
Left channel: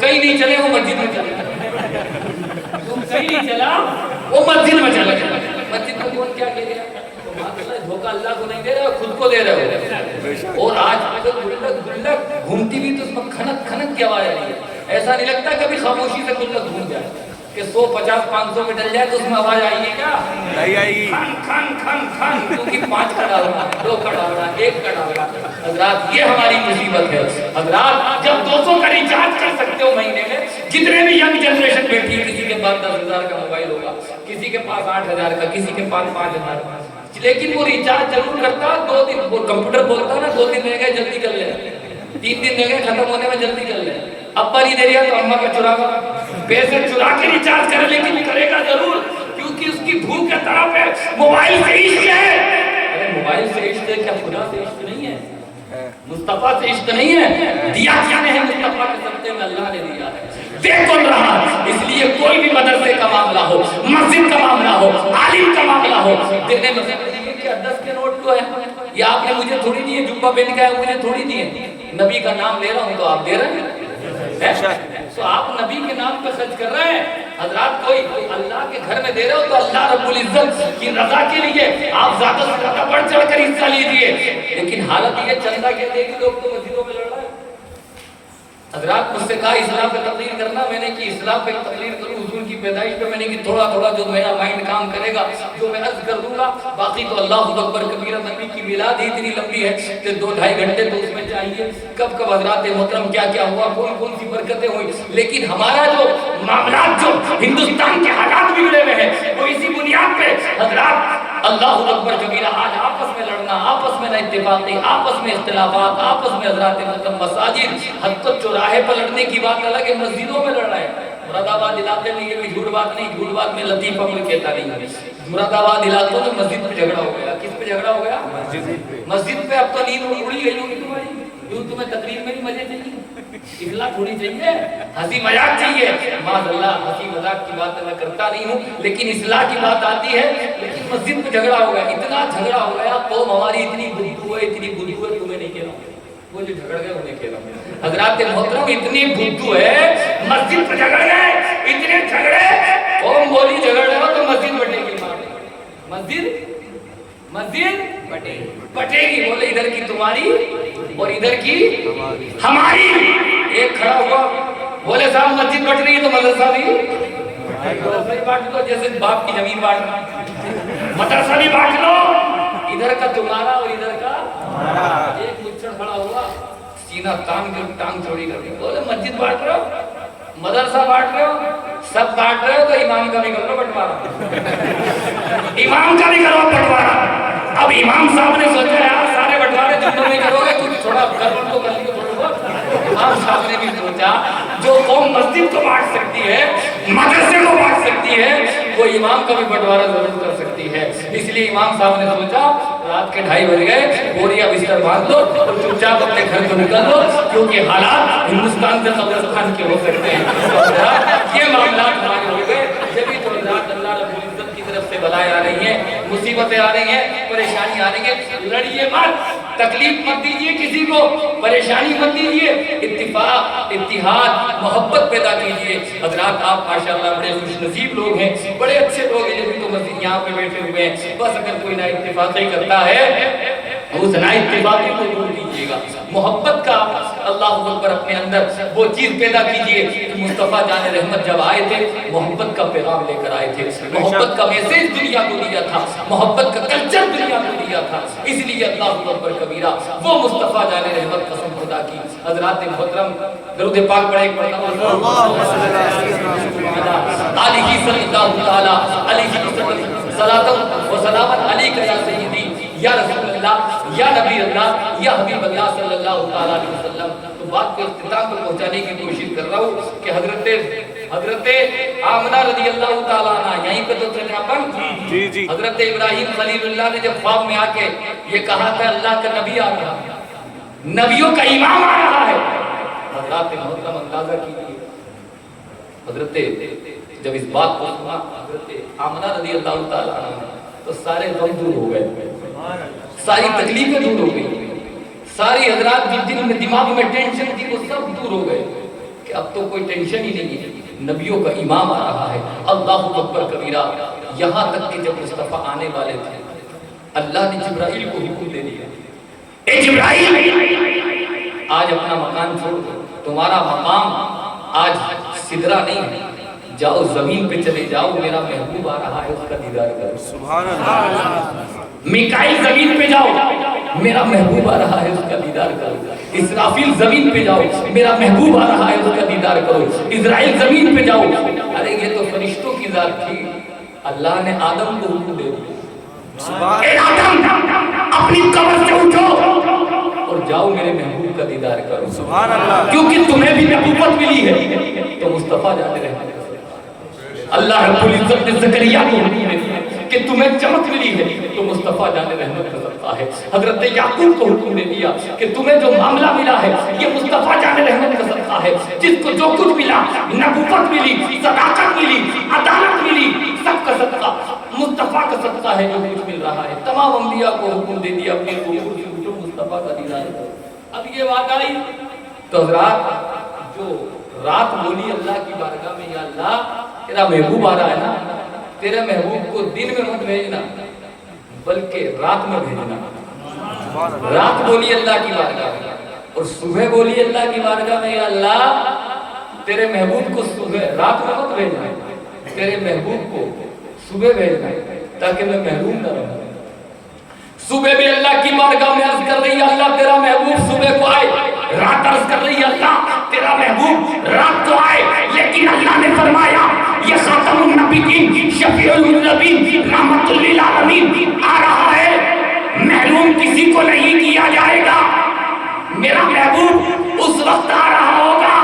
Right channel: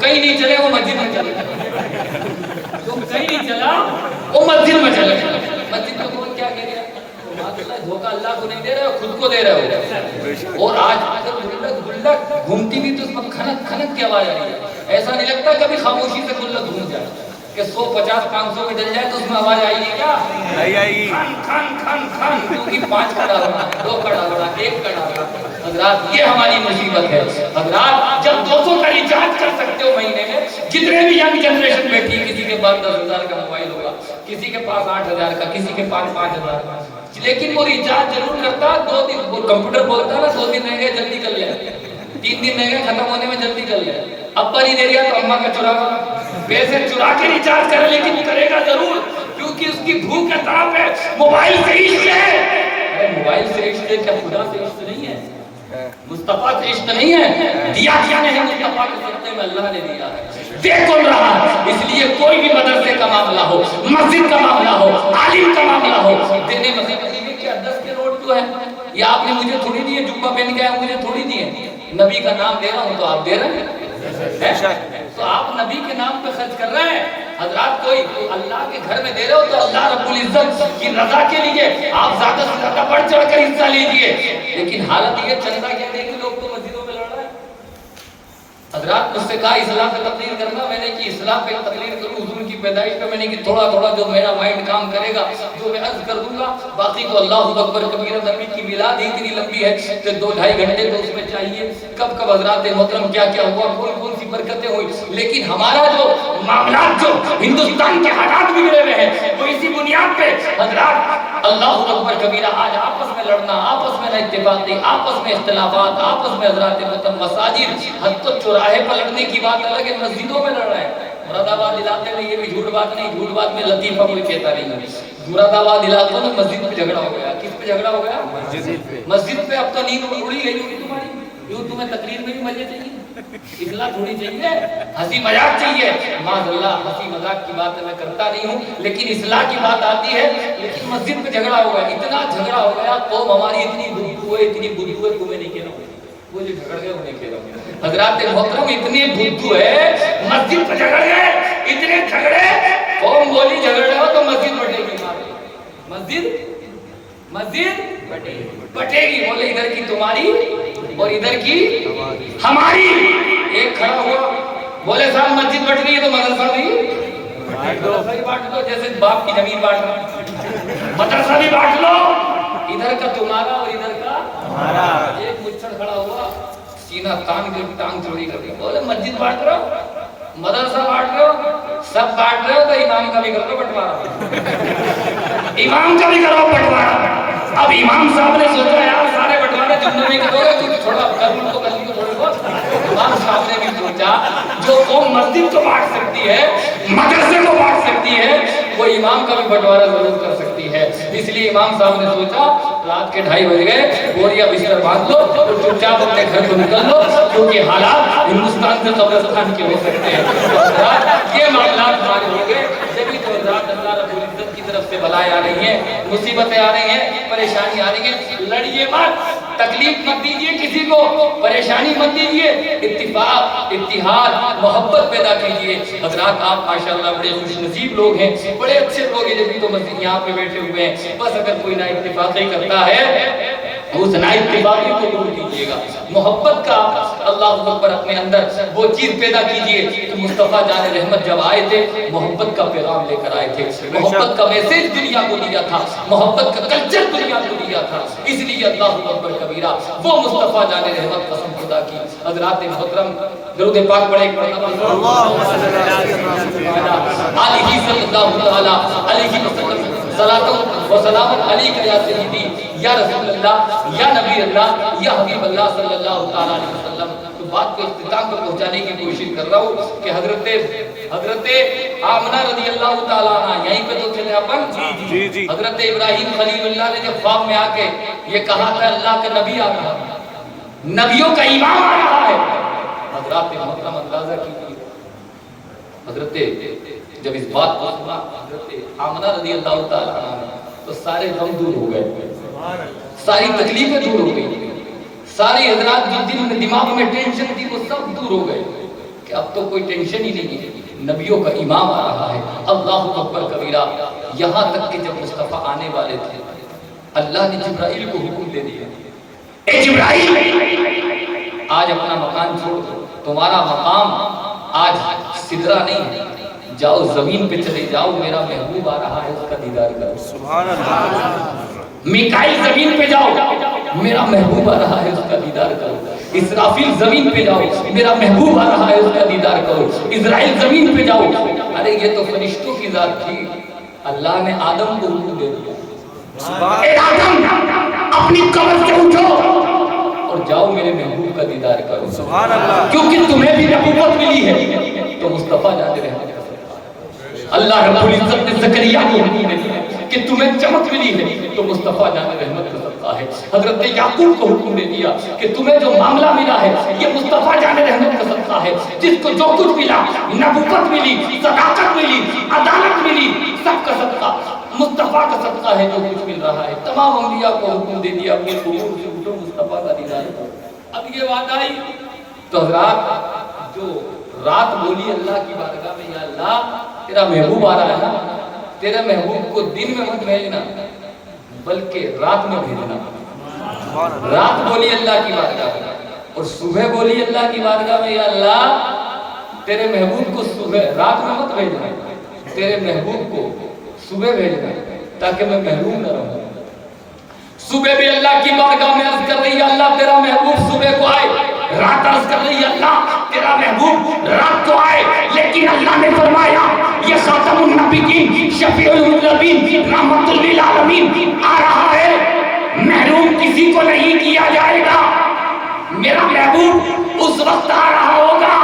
کہیں نہیں چلے وہ مسجد میں چلے جو کہیں نہیں چلا وہ مسجد میں چلے مسجد کو کون کیا کہہ رہا دھوکہ اللہ کو نہیں دے رہے ہو خود کو دے رہے ہو اور آج گلک گھومتی بھی تو اس میں کھنک کھنک کی آواز آ رہی ہے ایسا نہیں لگتا کبھی خاموشی سے گلک گھوم جائے کہ 100 50 500 میں ڈل جائے تو اس میں آواز آئے گی کیا نہیں آئے گی کھن کھن کھن کیونکہ 5 کڑا ہونا 2 کڑا ہونا 1 کڑا ہونا حضرات یہ ہماری مصیبت ہے حضرات جب 200 کا ریچارج کر سکتے ہو مہینے میں جتنے بھی ینگ جنریشن بیٹھی ہے کسی کے پاس 10,000 کا موبائل ہوگا کسی کے پاس 8,000 کا کسی کے پاس 5,000 کا لیکن وہ ریچارج ضرور کرتا 2 دن وہ کمپیوٹر بولتا نا 2 دن رہ گئے جلدی کر لیں 3 دن رہ گئے ختم ہونے میں جلدی کر لیں ابا نہیں دے رہا تو اماں کا چرا پیسے چرا کے ریچارج کرے لیکن کرے گا ضرور کیونکہ اس کی بھوک ہے تڑپ ہے موبائل سے عشق ہے موبائل سے عشق ہے کیا خدا سے عشق نہیں ہے مصطفیٰ سے عشق نہیں ہے دیا کیا نہیں ہے مصطفیٰ کے صدقے میں اللہ نے دیا ہے دے کون رہا اس لیے کوئی بھی مدرسے کا معاملہ ہو مسجد کا معاملہ ہو عالم کا معاملہ ہو دینے میں کیا 10 کے نوٹ جو ہے یہ آپ نے مجھے تھوڑی دیے جبہ پہن کے مجھے تھوڑی دیے نبی کا نام لے رہا ہوں تو آپ دے رہے ہیں تو آپ نبی کے نام پہ خرچ کر رہے ہیں حضرات کوئی اللہ کے گھر میں دے رہے ہو تو اللہ رب العزت کی رضا کے لیے آپ زیادہ سے زیادہ بڑھ چڑھ کر حصہ لیجئے لیکن حالت یہ چندہ کہتے ہیں کہ لوگ تو مسجدوں میں لڑ رہے ہیں حضرات مجھ سے کہا اسلام پہ تقریر کرنا میں نے کی اسلام پہ تقریر کروں حضور کی پیدائش پہ میں نے کی تھوڑا تھوڑا جو میرا مائنڈ کام کرے گا جو میں عرض کر دوں گا باقی تو اللہ اکبر کبیر نبی کی میلاد اتنی لمبی ہے کہ 2-2.5 گھنٹے تو اس میں چاہیے کب کب حضرات محترم کیا کیا ہوا کون سی برکتیں ہوئی لیکن ہمارا جو معاملات جو ہندوستان کے حالات بگڑے ہوئے ہیں وہ اسی بنیاد پہ حضرات اللہ اکبر کبیرہ آج آپس میں لڑنا آپس میں نہ اتفاقی آپس میں اختلافات آپس میں حضرات محترم مساجد حد تو چوراہے پر لڑنے کی بات الگ ہے مسجدوں میں لڑ رہے ہیں مراد آباد علاقے میں یہ بھی جھوٹ بات نہیں جھوٹ بات میں لطیفہ کوئی کہتا نہیں مراد آباد علاقوں میں مسجد پہ جھگڑا ہو گیا کس پہ جھگڑا ہو گیا مسجد پہ اب تو نیند اڑی گئی ہوگی تمہاری یوں تمہیں تقریر میں بھی مزے چاہیے اصلاح تھوڑی چاہیے ہنسی مذاق چاہیے معاذ اللہ ہنسی مذاق کی بات میں کرتا نہیں ہوں لیکن اصلاح کی بات آتی ہے لیکن مسجد پہ جھگڑا ہو گیا اتنا جھگڑا ہو گیا قوم ہماری اتنی بدبو ہے تمہیں نہیں کہہ رہا ہوں وہ جو جھگڑ گئے انہیں کہہ رہا ہوں حضرات محترم اتنی بدبو ہے مسجد پہ جھگڑ گئے اتنے جھگڑے قوم بولی جھگڑ رہے ہو تو مسجد بٹے گی مسجد بٹے گی بولے ادھر کی تمہاری اور ادھر کی ہماری ایک کھڑا ہوا بولے صاحب مسجد بٹ رہی ہے تو مدرسہ بھی بانٹ دو جیسے باپ کی زمین بانٹ دو مدرسہ بھی بانٹ لو ادھر کا تمہارا اور ادھر کا ایک مچھڑ کھڑا ہوا سینہ کان کے ٹانگ چوڑی کر دی بولے مسجد بانٹ رہے ہو مدرسہ بانٹ رہے ہو سب بانٹ رہے ہو تو امام کا بھی کر لو بٹوارا امام کا بھی کر لو بٹوارا اب امام صاحب نے سوچا یار سارے بٹوارے تم نہیں کرو گے کچھ تھوڑا کر تو کر لیو تھوڑے بہت امام صاحب نے بھی سوچا جو قوم مسجد کو بانٹ سکتی ہے مدرسے کو بانٹ سکتی ہے وہ امام کا بھی بٹوارا ضرور کر سکتی ہے اس لیے امام صاحب نے سوچا رات کے 2:30 بج گئے بوریا بستر باندھ لو اور چپ چاپ اپنے گھر کو نکل لو کیونکہ حالات ہندوستان سے قبرستان کے ہو سکتے ہیں یہ معاملات بات ہو گئے جبھی تو حضرات اللہ رب العزت کی طرف سے بلائیں آ رہی ہیں مصیبتیں آ رہی ہیں پریشانی آ رہی ہے لڑیے مت تکلیف مت دیجیے کسی کو پریشانی مت دیجیے اتفاق اتحاد محبت پیدا کیجیے حضرات آپ ماشاءاللہ بڑے خوش نصیب لوگ ہیں بڑے اچھے لوگ ہیں جبھی تو مسجد یہاں پہ بیٹھے ہوئے ہیں بس اگر کوئی نا اتفاقی کرتا ہے اس نا اتفاقی کو دور کیجیے گا محبت کا اللہ اکبر اپنے اندر وہ چیز پیدا کیجیے کہ مصطفیٰ جان رحمت جب آئے تھے محبت کا پیغام لے کر آئے تھے محبت کا میسیج دنیا کو دیا تھا محبت کا کلچر دنیا کو دیا تھا اس لیے اللہ اکبر کبیرہ وہ مصطفیٰ جان رحمت قسم خدا کی حضرات محترم درود پاک پڑھے اللہم صلی اللہ علیہ وسلم صلاۃ و سلام علیک یا سیدی یا رسول اللہ یا نبی اللہ یا حبیب اللہ صلی اللہ تعالیٰ علیہ وسلم تو بات کو اختتام پر پہنچانے کی کوشش کر رہا ہوں کہ حضرت آمنہ رضی اللہ تعالیٰ عنہ یہیں پہ تو تھے اپن جی حضرت ابراہیم خلیل اللہ نے جب خواب میں آ کے یہ کہا تھا اللہ کا نبی آ رہا نبیوں کا امام آ رہا ہے حضرات محترم اندازہ کیجیے حضرت جب اس بات کو سنا حضرت آمنہ رضی اللہ تعالیٰ عنہ تو سارے غم دور ہو گئے ساری تکلیفیں دور ہو گئی ساری حضرات جن دنوں میں دماغ میں ٹینشن تھی وہ سب دور ہو گئے کہ اب تو کوئی ٹینشن ہی نہیں ہے، نبیوں کا امام آ رہا ہے۔ اللہ اکبر کبیرہ، یہاں تک کہ جب مصطفیٰ آنے والے تھے اللہ نے جبرائیل کو حکم دے دیا، اے جبرائیل آج اپنا مکان چھوڑ دو، تمہارا مقام آج سدرہ نہیں ہے، جاؤ زمین پہ چلے جاؤ، میرا محبوب آ رہا ہے اس کا دیدار کرو۔ سبحان اللہ۔ میکائیل زمین پہ جاؤ، میرا محبوب آ رہا ہے اس کا دیدار کرو۔ اسرافیل زمین پہ جاؤ، میرا محبوب آ رہا ہے اس کا دیدار کرو۔ اسرائیل زمین پہ جاؤ، ارے یہ تو فرشتوں کی ذات تھی، اللہ نے آدم کو حکم دے دیا، اے آدم اپنی قبر سے اٹھو اور جاؤ میرے محبوب کا دیدار کرو۔ سبحان اللہ۔ کیونکہ تمہیں بھی نبوت ملی ہے تو مصطفیٰ جاتے رہے۔ اللہ رب العزت نے زکریا کو حکم دیا کہ تمہیں چمک ملی ہے تو مصطفیٰ جانے رحمت کا صدقہ ہے۔ حضرت یعقوب کو حکم دے دیا کہ تمہیں جو معاملہ ملا ہے یہ مصطفیٰ جانے رحمت کا صدقہ ہے۔ جس کو جو کچھ ملا، نبوت ملی، صداقت ملی، عدالت ملی، سب کا صدقہ مصطفیٰ کا صدقہ ہے جو کچھ مل رہا ہے۔ تمام انبیاء کو حکم دے دیا اپنے قبور سے اٹھو مصطفیٰ کا دیدار کرو۔ اب یہ بات آئی تو حضرات جو رات بولی اللہ کی بارگاہ میں، یا اللہ تیرا محبوب آ رہا ہے نا، تیرے محبوب کو دن میں مت بھیجنا بلکہ رات میں بھیجنا۔ رات بولی اللہ کی بارگاہ میں اور صبح بولی اللہ کی بارگاہ میں، یا اللہ تیرے محبوب کو صبح رات میں مت بھیجنا، تیرے محبوب کو صبح بھیجنا تاکہ میں محروم نہ رہوں۔ صبح بھی اللہ کی بارگاہ میں عرض کر رہی ہے اللہ تیرا محبوب صبح کو آئے، رات عرض کر رہی ہے اللہ تیرا محبوب رات کو آئے، لیکن اللہ نے فرمایا یہ خاتم النبیین شفیع النبیین رحمت للعالمین آ رہا ہے، محروم کسی کو نہیں کیا جائے گا۔ میرا محبوب اس وقت آ رہا ہوگا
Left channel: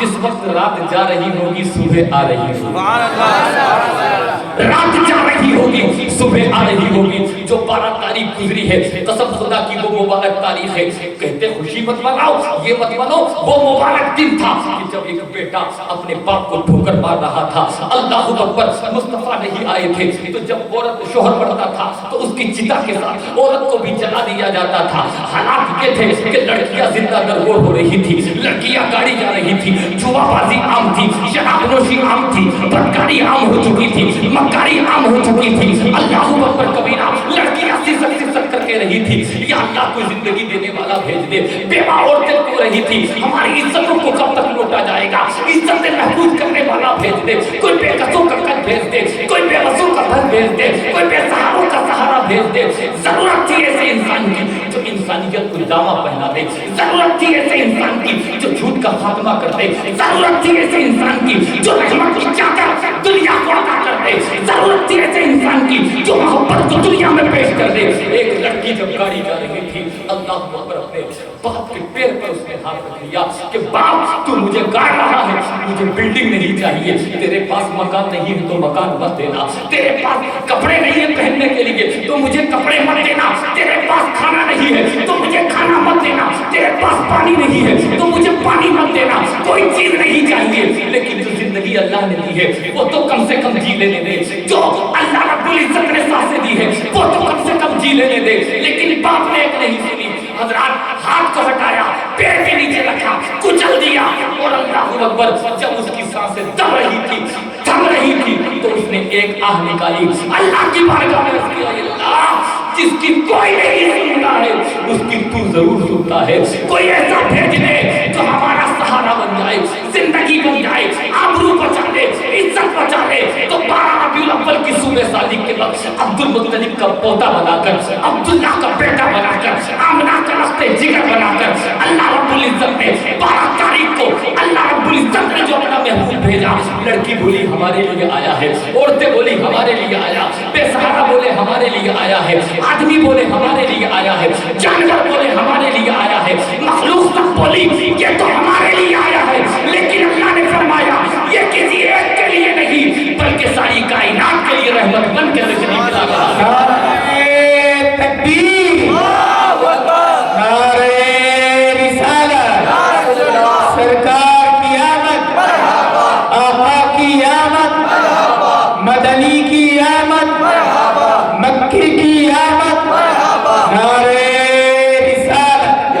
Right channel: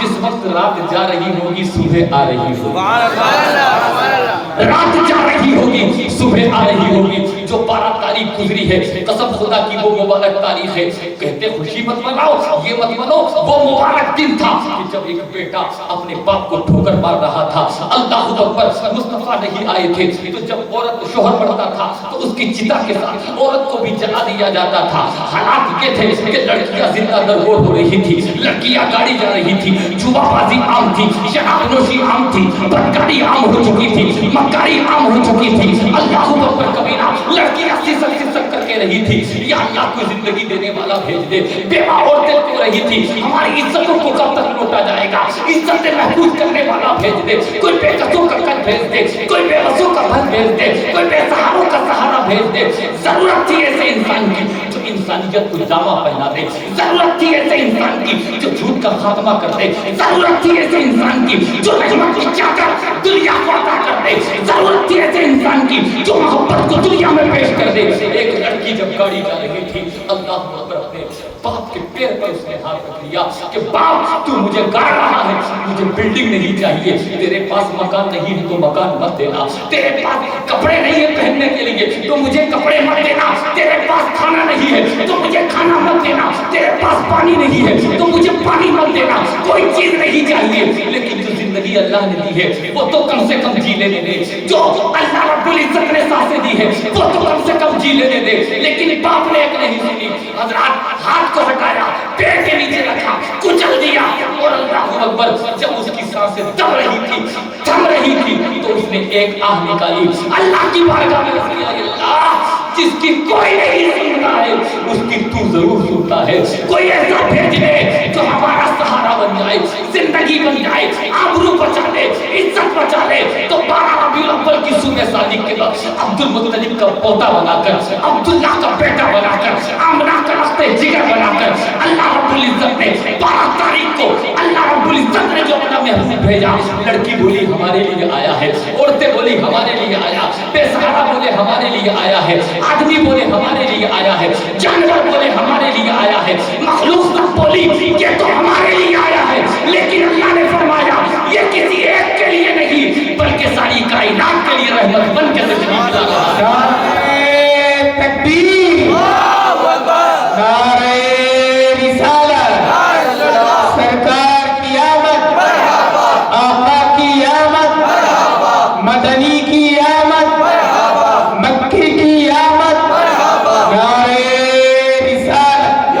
جس وقت رات جا رہی ہوگی صبح آ رہی ہوگی، سبحان اللہ۔ رات جا رہی ہوگی صبح آ رہی ہوگی۔ جو 12 تاریخ گزری ہے قسم خدا کی وہ مبارک تاریخ ہے، کہتے خوشی مت مناؤ یہ مت منو، وہ مبارک دن تھا کہ جب ایک بیٹا اپنے باپ کو ٹھوکر مار رہا تھا۔ اللہ اکبر، مصطفیٰ نہیں آئے تھے تو جب عورت شوہر پڑتا تھا تو اس کی چتا کے ساتھ عورت کو بھی جلا دیا جاتا تھا۔ حالات یہ تھے کہ لڑکیاں زندہ درگور ہو رہی تھی، لڑکیاں گاڑی جا رہی تھی، جوا بازی عام تھی، شراب نوشی عام تھی، بدکاری عام ہو چکی تھی، مکاری عام ہو چکی تھی۔ اللہ اکبر کبیرہ، لڑکیاں سسک کر کے رہی تھی، یا اللہ کوئی زندگی دینے والا بھیج دے۔ بیوہ عورتیں کو رہی تھی، ہماری عزتوں کو کب تک لوٹا جائے گا، عزتیں محفوظ کرنے والا بھیج دے۔ کوئی بے قصوں کا قد بھیج دے، کوئی بے بسوں کا گھر بھیج دے، کوئی بے سہاروں کا سہارا بھیج دے۔ ضرورت تھی ایسے انسان کی جو انسانیت کو جامہ پہنا دے، ضرورت تھی ایسے انسان کی جو جھوٹ کا خاتمہ کر دے، ضرورت تھی ایسے انسان کی جو رحمت کی چادر دنیا کو عطا کر دے، ضرورت تھی ایسے انسان کی جو محبت کو دنیا میں پیش کر دے۔ ایک لڑکی جب گاڑی جا رہی تھی، اللہ اکبر، اپنے باپ کے پیر پر اس نے ہاتھ رکھ لیا کہ باپ تو مجھے گاڑ رہا ہے، مجھے بلڈنگ نہیں چاہیے، تیرے پاس مکان نہیں ہے تو مکان مت دینا، تیرے پاس کپڑے نہیں ہیں پہننے کے لیے تو مجھے کپڑے مت دینا، تیرے پاس کھانا نہیں ہے تو مجھے کھانا مت دینا، تیرے پاس پانی نہیں ہے تو مجھے پانی مت دینا، کوئی چیز نہیں چاہیے، لیکن جو زندگی اللہ نے دی ہے وہ تو کم سے کم جی لینے دے، جو اللہ رب العزت نے سانسیں دی ہے وہ تو کم سے کم جی لینے دے۔ لیکن باپ نے ایک نہیں سنی، حضرات ہاتھ کو ہٹایا، پیر کے نیچے رکھا، کچل دیا، اور اللہ اکبر، جب اس کی سانسیں دم رہی تھی، تھم رہی تھی تو اس نے ایک آہ نکالی، اللہ کی بارگاہ میں عرض کیا اللہ جس کی کوئی نہیں سنتا ہے اس کی تو ضرور سنتا ہے، کوئی ایسا بھیج دے جو ہمارا سہارا بن جائے، زندگی بن جائے، آبرو بچا لے، عزت بچا لے۔ تو 12 ربیع الاول کی صبح شادی کے وقت عبد المطلب کا پوتا بنا کر، عبداللہ کا بیٹا بنا کر، آمنہ کا رشتے جگر بنا کر اللہ رب العزت نے 12 تاریخ کو اللہ رب العزت نے جو اپنا محبوب بھیجا۔ لڑکی بولی ہمارے لیے آیا ہے، عورتیں بولی ہمارے لیے آیا، بے سہارا بولے ہمارے لیے آیا ہے، آدمی بولے ہمارے لیے آیا ہے، جانور بولے ہمارے لیے آیا ہے، مخلوق سب بولی یہ تو ہمارے لیے آیا ہے، لیکن اللہ نے فرمایا یہ کسی ایک کے لیے نہیں بلکہ ساری کائنات کے لیے رحمت بن کے تشریف لا رہا ہے۔ تکبیر، نعرہ رسالت، سرکار کی آمد، آقا کی آمد، مدنی کی آمد، مکی کی آمد، نعرہ رسالت،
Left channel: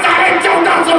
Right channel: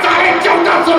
1450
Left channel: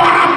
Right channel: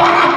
12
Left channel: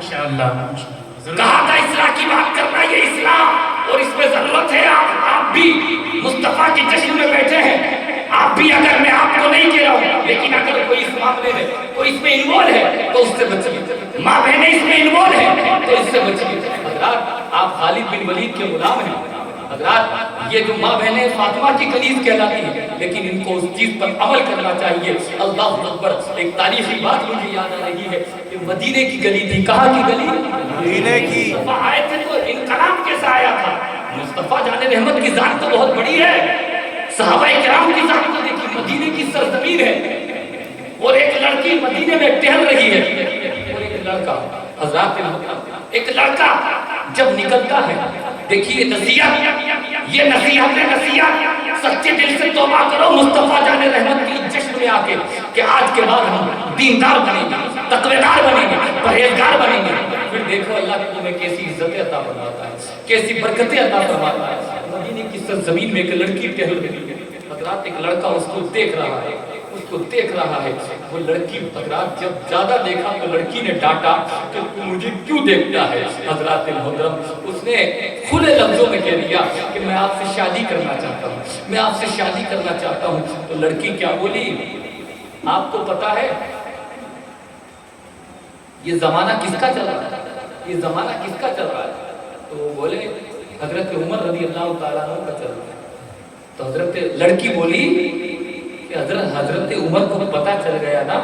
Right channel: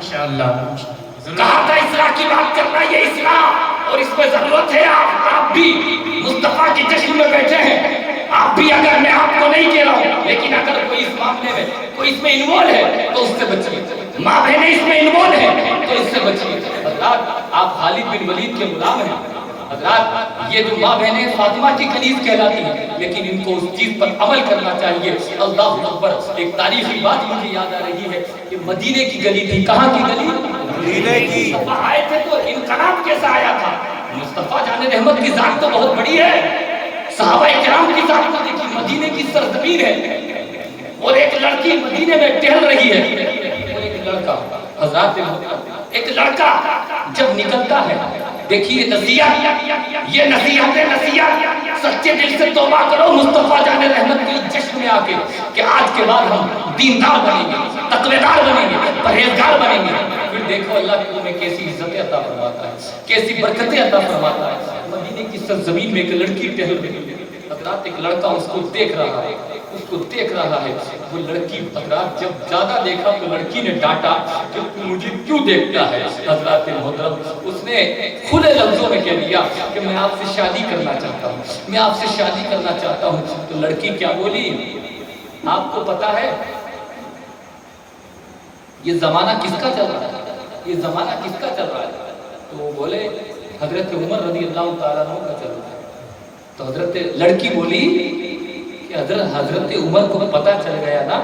کہا تھا اصلاح کی بات کرنا، یہ اصلاح اور اس پہ ضرورت ہے. آپ بھی مصطفیٰ کے جشن میں بیٹھے ہیں، آپ بھی، اگر میں آپ کو نہیں کہہ رہا ہوں، لیکن اگر کوئی اس معاملے میں کوئی اس میں انوالو ہے تو اس سے بچیے. ماں بہنیں اس میں انوالو ہیں تو اس سے بچیے. حضرات آپ خالد بن ولید کے غلام ہیں. حضرات یہ جو ماں بہنیں فاطمہ کی کنیز کہلاتی ہیں، لیکن ان کو اس چیز پر عمل کرنا چاہیے. اللہ اکبر. ایک تاریخی بات مجھے یاد آ رہی ہے کہ مدینے کی گلی تھی. کہاں کی گلی؟ مدینے کی. مصطفیٰ آئے تھے تو انقلاب کیسا آیا تھا. مصطفیٰ جان رحمت کی ذات تو بہت بڑی ہے. صحابہ کرام کی ذات کو دیکھی، مدینے کی سرزمین ہے اور ایک لڑکی مدینے میں ٹہل رہی ہے. اور ایک لڑکا، حضرات ایک لڑکا جب نکلتا ہے، دیکھیے نصیحت، یہ نصیحت سچے دل سے توبہ کرو مصطفیٰ جان رحمت کے جشن میں آ کے کہ آج کے بعد ہم دیندار بنیں گے، تقوی دار بنیں گے، پرہیزگار بنیں گے. پھر دیکھو اللہ کی تمہیں کیسی عزتیں عطا فرماتا ہے، کیسی برکتیں عطا فرماتا ہے. مدینے کی سرزمین میں ایک لڑکی ٹہل رہی ہے. حضرات ایک لڑکا اس کو دیکھ رہا ہے، اس کو دیکھ رہا ہے. وہ لڑکی، حضرات جب زیادہ دیکھا تو لڑکی نے ڈانٹا کہ تو مجھے کیوں دیکھتا ہے. حضرات محترم اس نے کھلے لفظوں میں کہہ دیا کہ میں آپ سے شادی کرنا چاہتا ہوں، میں آپ سے شادی کرنا چاہتا ہوں. تو لڑکی کیا بولی؟ آپ کو پتا ہے یہ زمانہ کس کا چل رہا ہے؟ یہ زمانہ کس کا چل رہا ہے؟ تو وہ بولے حضرت عمر رضی اللہ تعالیٰ عنہ کا چل رہا ہے. تو حضرت لڑکی بولی کہ حضرت عمر کو پتہ چل گیا نا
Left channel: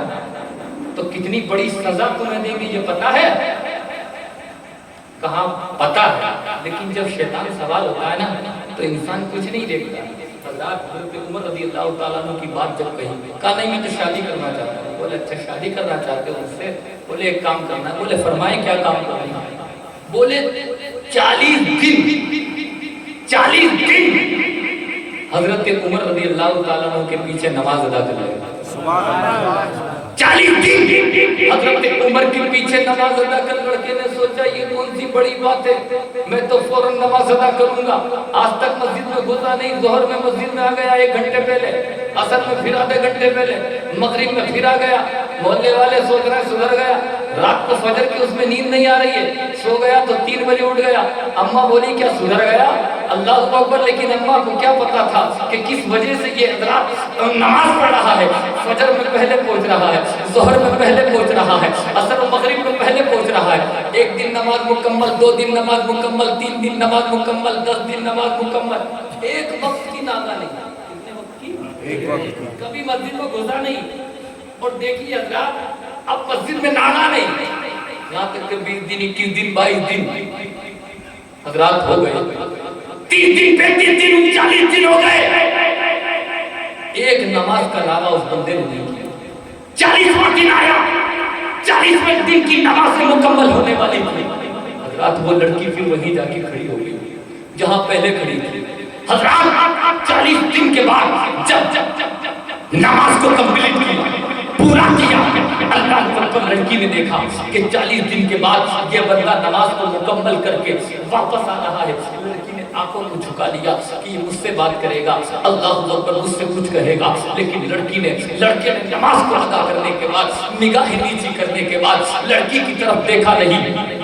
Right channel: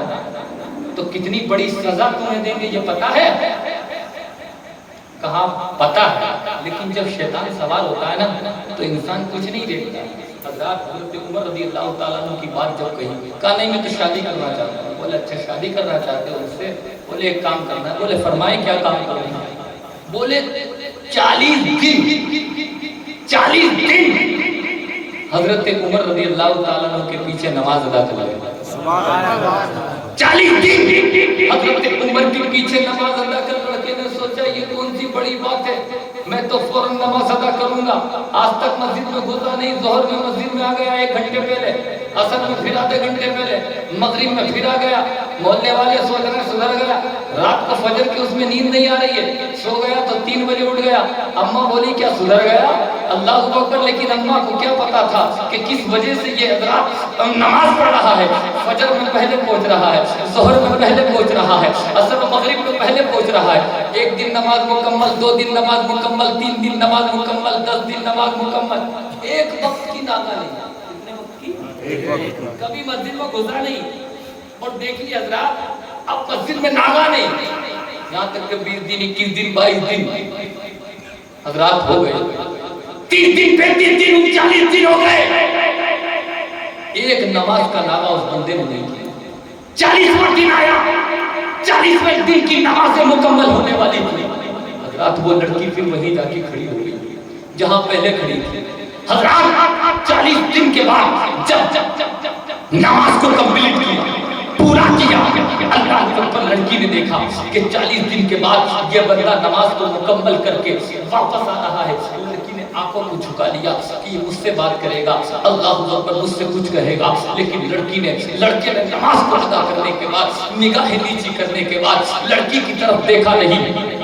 تو کتنی بڑی سزا تمہیں دیں گے یہ پتا ہے؟ کہاں پتا ہے، لیکن جب شیطان سوال ہوتا ہے نا تو انسان کچھ نہیں دیکھتا. حضرات حضرت عمر رضی اللہ تعالیٰ عنہ کی بات جب کہی، کہا نہیں میں تو شادی کرنا چاہتا ہوں. بولے اچھا شادی کرنا چاہتے ہو مجھ سے؟ بولے ایک کام کرنا. بولے فرمائے کیا کام کریں گے؟ بولے 40 دن حضرت عمر رضی اللہ تعالیٰ عنہ کے پیچھے نماز ادا کر لگے. سبحان اللہ. 40 دن حضرت عمر کے پیچھے نماز ادا کر. لڑکے نے سوچا یہ کون سی بڑی بات ہے، میں تو فوراً نماز ادا کروں گا. آج تک مسجد میں گھسا نہیں. ظہر میں مسجد میں آ گیا 1 گھنٹے پہلے، عصر میں پھر آدھے گھنٹے پہلے، مغرب میں پھر آ گیا. محلے والے سوچ رہے ہیں سدھر گیا. رات کو فجر کی اس میں نیند نہیں آ رہی ہے، سو گیا تو 3 بجے اٹھ گیا. اماں بولی کیا سدھر گیا؟ اللہ اکبر. لیکن اماں کو کیا پتا تھا کہ کس وجہ سے یہ حضرات نماز پڑھ رہا ہے. فجر میں پہلے پہنچ رہا ہے، ظہر میں پہلے پہنچ رہا ہے، عصر و مغرب میں پہلے پہنچ رہا ہے. 1 دن نماز مکمل، 2 دن نماز مکمل، 3 دن نماز مکمل، 10 دن نماز مکمل. ایک وقت کی ناغہ نہیں. کتنے وقت کی؟ ایک وقت کی. کبھی مسجد میں گھسا نہیں. اور دیکھیے حضرات اب مسجد میں ناغہ نہیں. یہاں تک کہ 20 دن، 21 دن، 22 دن حضرات ہو گئے. 30 دن، 35 دن، 40 دن ہو گئے. ایک نماز کا ناغہ اس بندے نے نہیں کیا. 40واں دن آیا، 40ویں دن کی نماز مکمل ہونے والی تھی. حضرات وہ لڑکی پھر وہیں جا کے کھڑی ہو گئی جہاں پہلے کھڑی تھی. حضرات 40 دن کے بعد جب نماز کو کمپلیٹ کیا، پورا کیا، اللہ کو لڑکی نے دیکھا کہ 40 دن کے بعد یہ بندہ نماز کو مکمل کر کے واپس آ رہا ہے. لڑکی نے آنکھوں کو جھکا لیا کہ یہ مجھ سے بات کرے گا، اللہ اکبر مجھ سے کچھ کہے گا. لیکن لڑکے نے نماز کو ادا کرنے کے بعد، نگاہیں نیچی کرنے کے بعد لڑکی کی طرف دیکھا نہیں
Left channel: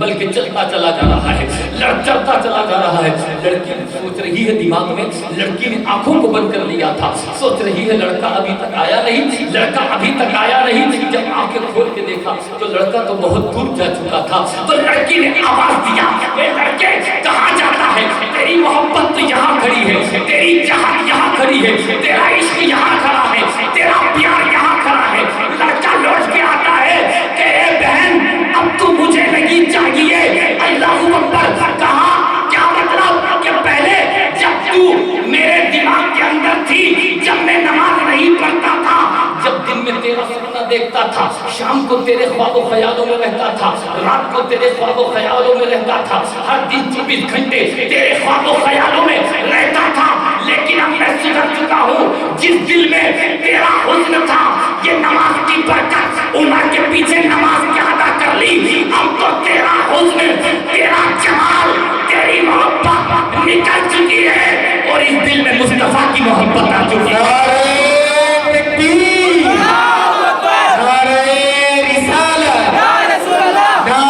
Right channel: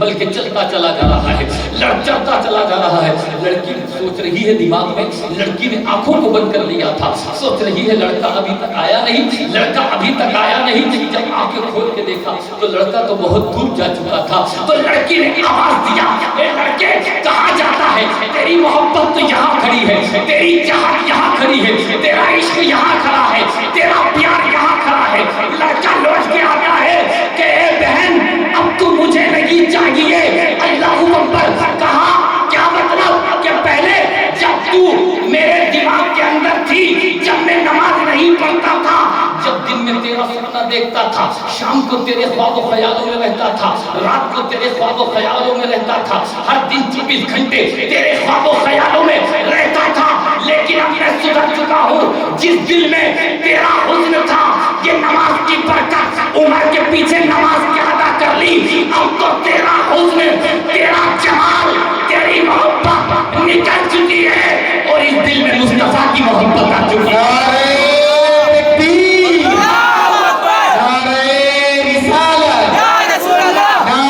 بلکہ چلتا چلا جا رہا ہے، چلتا چلا جا رہا ہے. لڑکی سوچ رہی ہے دماغ میں، لڑکی نے آنکھوں کو بند کر لیا تھا، سوچ رہی ہے لڑکا ابھی تک آیا نہیں، لڑکا ابھی تک آیا نہیں. جب آنکھیں کھول کے دیکھا تو لڑکا تو بہت دور جا چکا تھا. تو لڑکی نے آواز دیا، اے لڑکے کہاں جاتا ہے؟ تیری محبت تو یہاں کھڑی ہے، تیری چاہت یہاں کھڑی ہے، تیرا عشق یہاں کھڑا ہے، تیرا پیار یہاں کھڑا ہے. لڑکا لوٹ کے آتا ہے کہ اے بہن اب تو مجھے نہیں چاہیے. اللہ اکبر. کہا کیا مطلب کہ پہلے جب تو میرے دماغ کے اندر تھی، جب میں نماز نہیں پڑھتا تھا، جب دن میں تیرا سپنا دیکھتا تھا، شام کو تیرے خواب و خیالوں میں رہتا تھا، رات کو تیرے خواب و خیالوں میں رہتا تھا، ہر دن 24 گھنٹے تیرے خواب و خیالوں میں رہتا تھا. لیکن اب میں سدھر چکا ہوں. جس دل میں تیرا حسن تھا، یہ نماز کی برکت، عمر کے پیچھے نماز کیا ادا کر لی. اب تو تیرا حسن، تیرا جمال، تیری محبت نکل چکی ہے اور اس دل میں مصطفیٰ کی محبت آ چکی ہے. نعرہ رسالت، نعرہ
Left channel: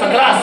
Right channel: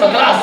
17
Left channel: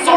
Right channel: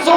100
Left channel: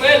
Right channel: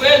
12,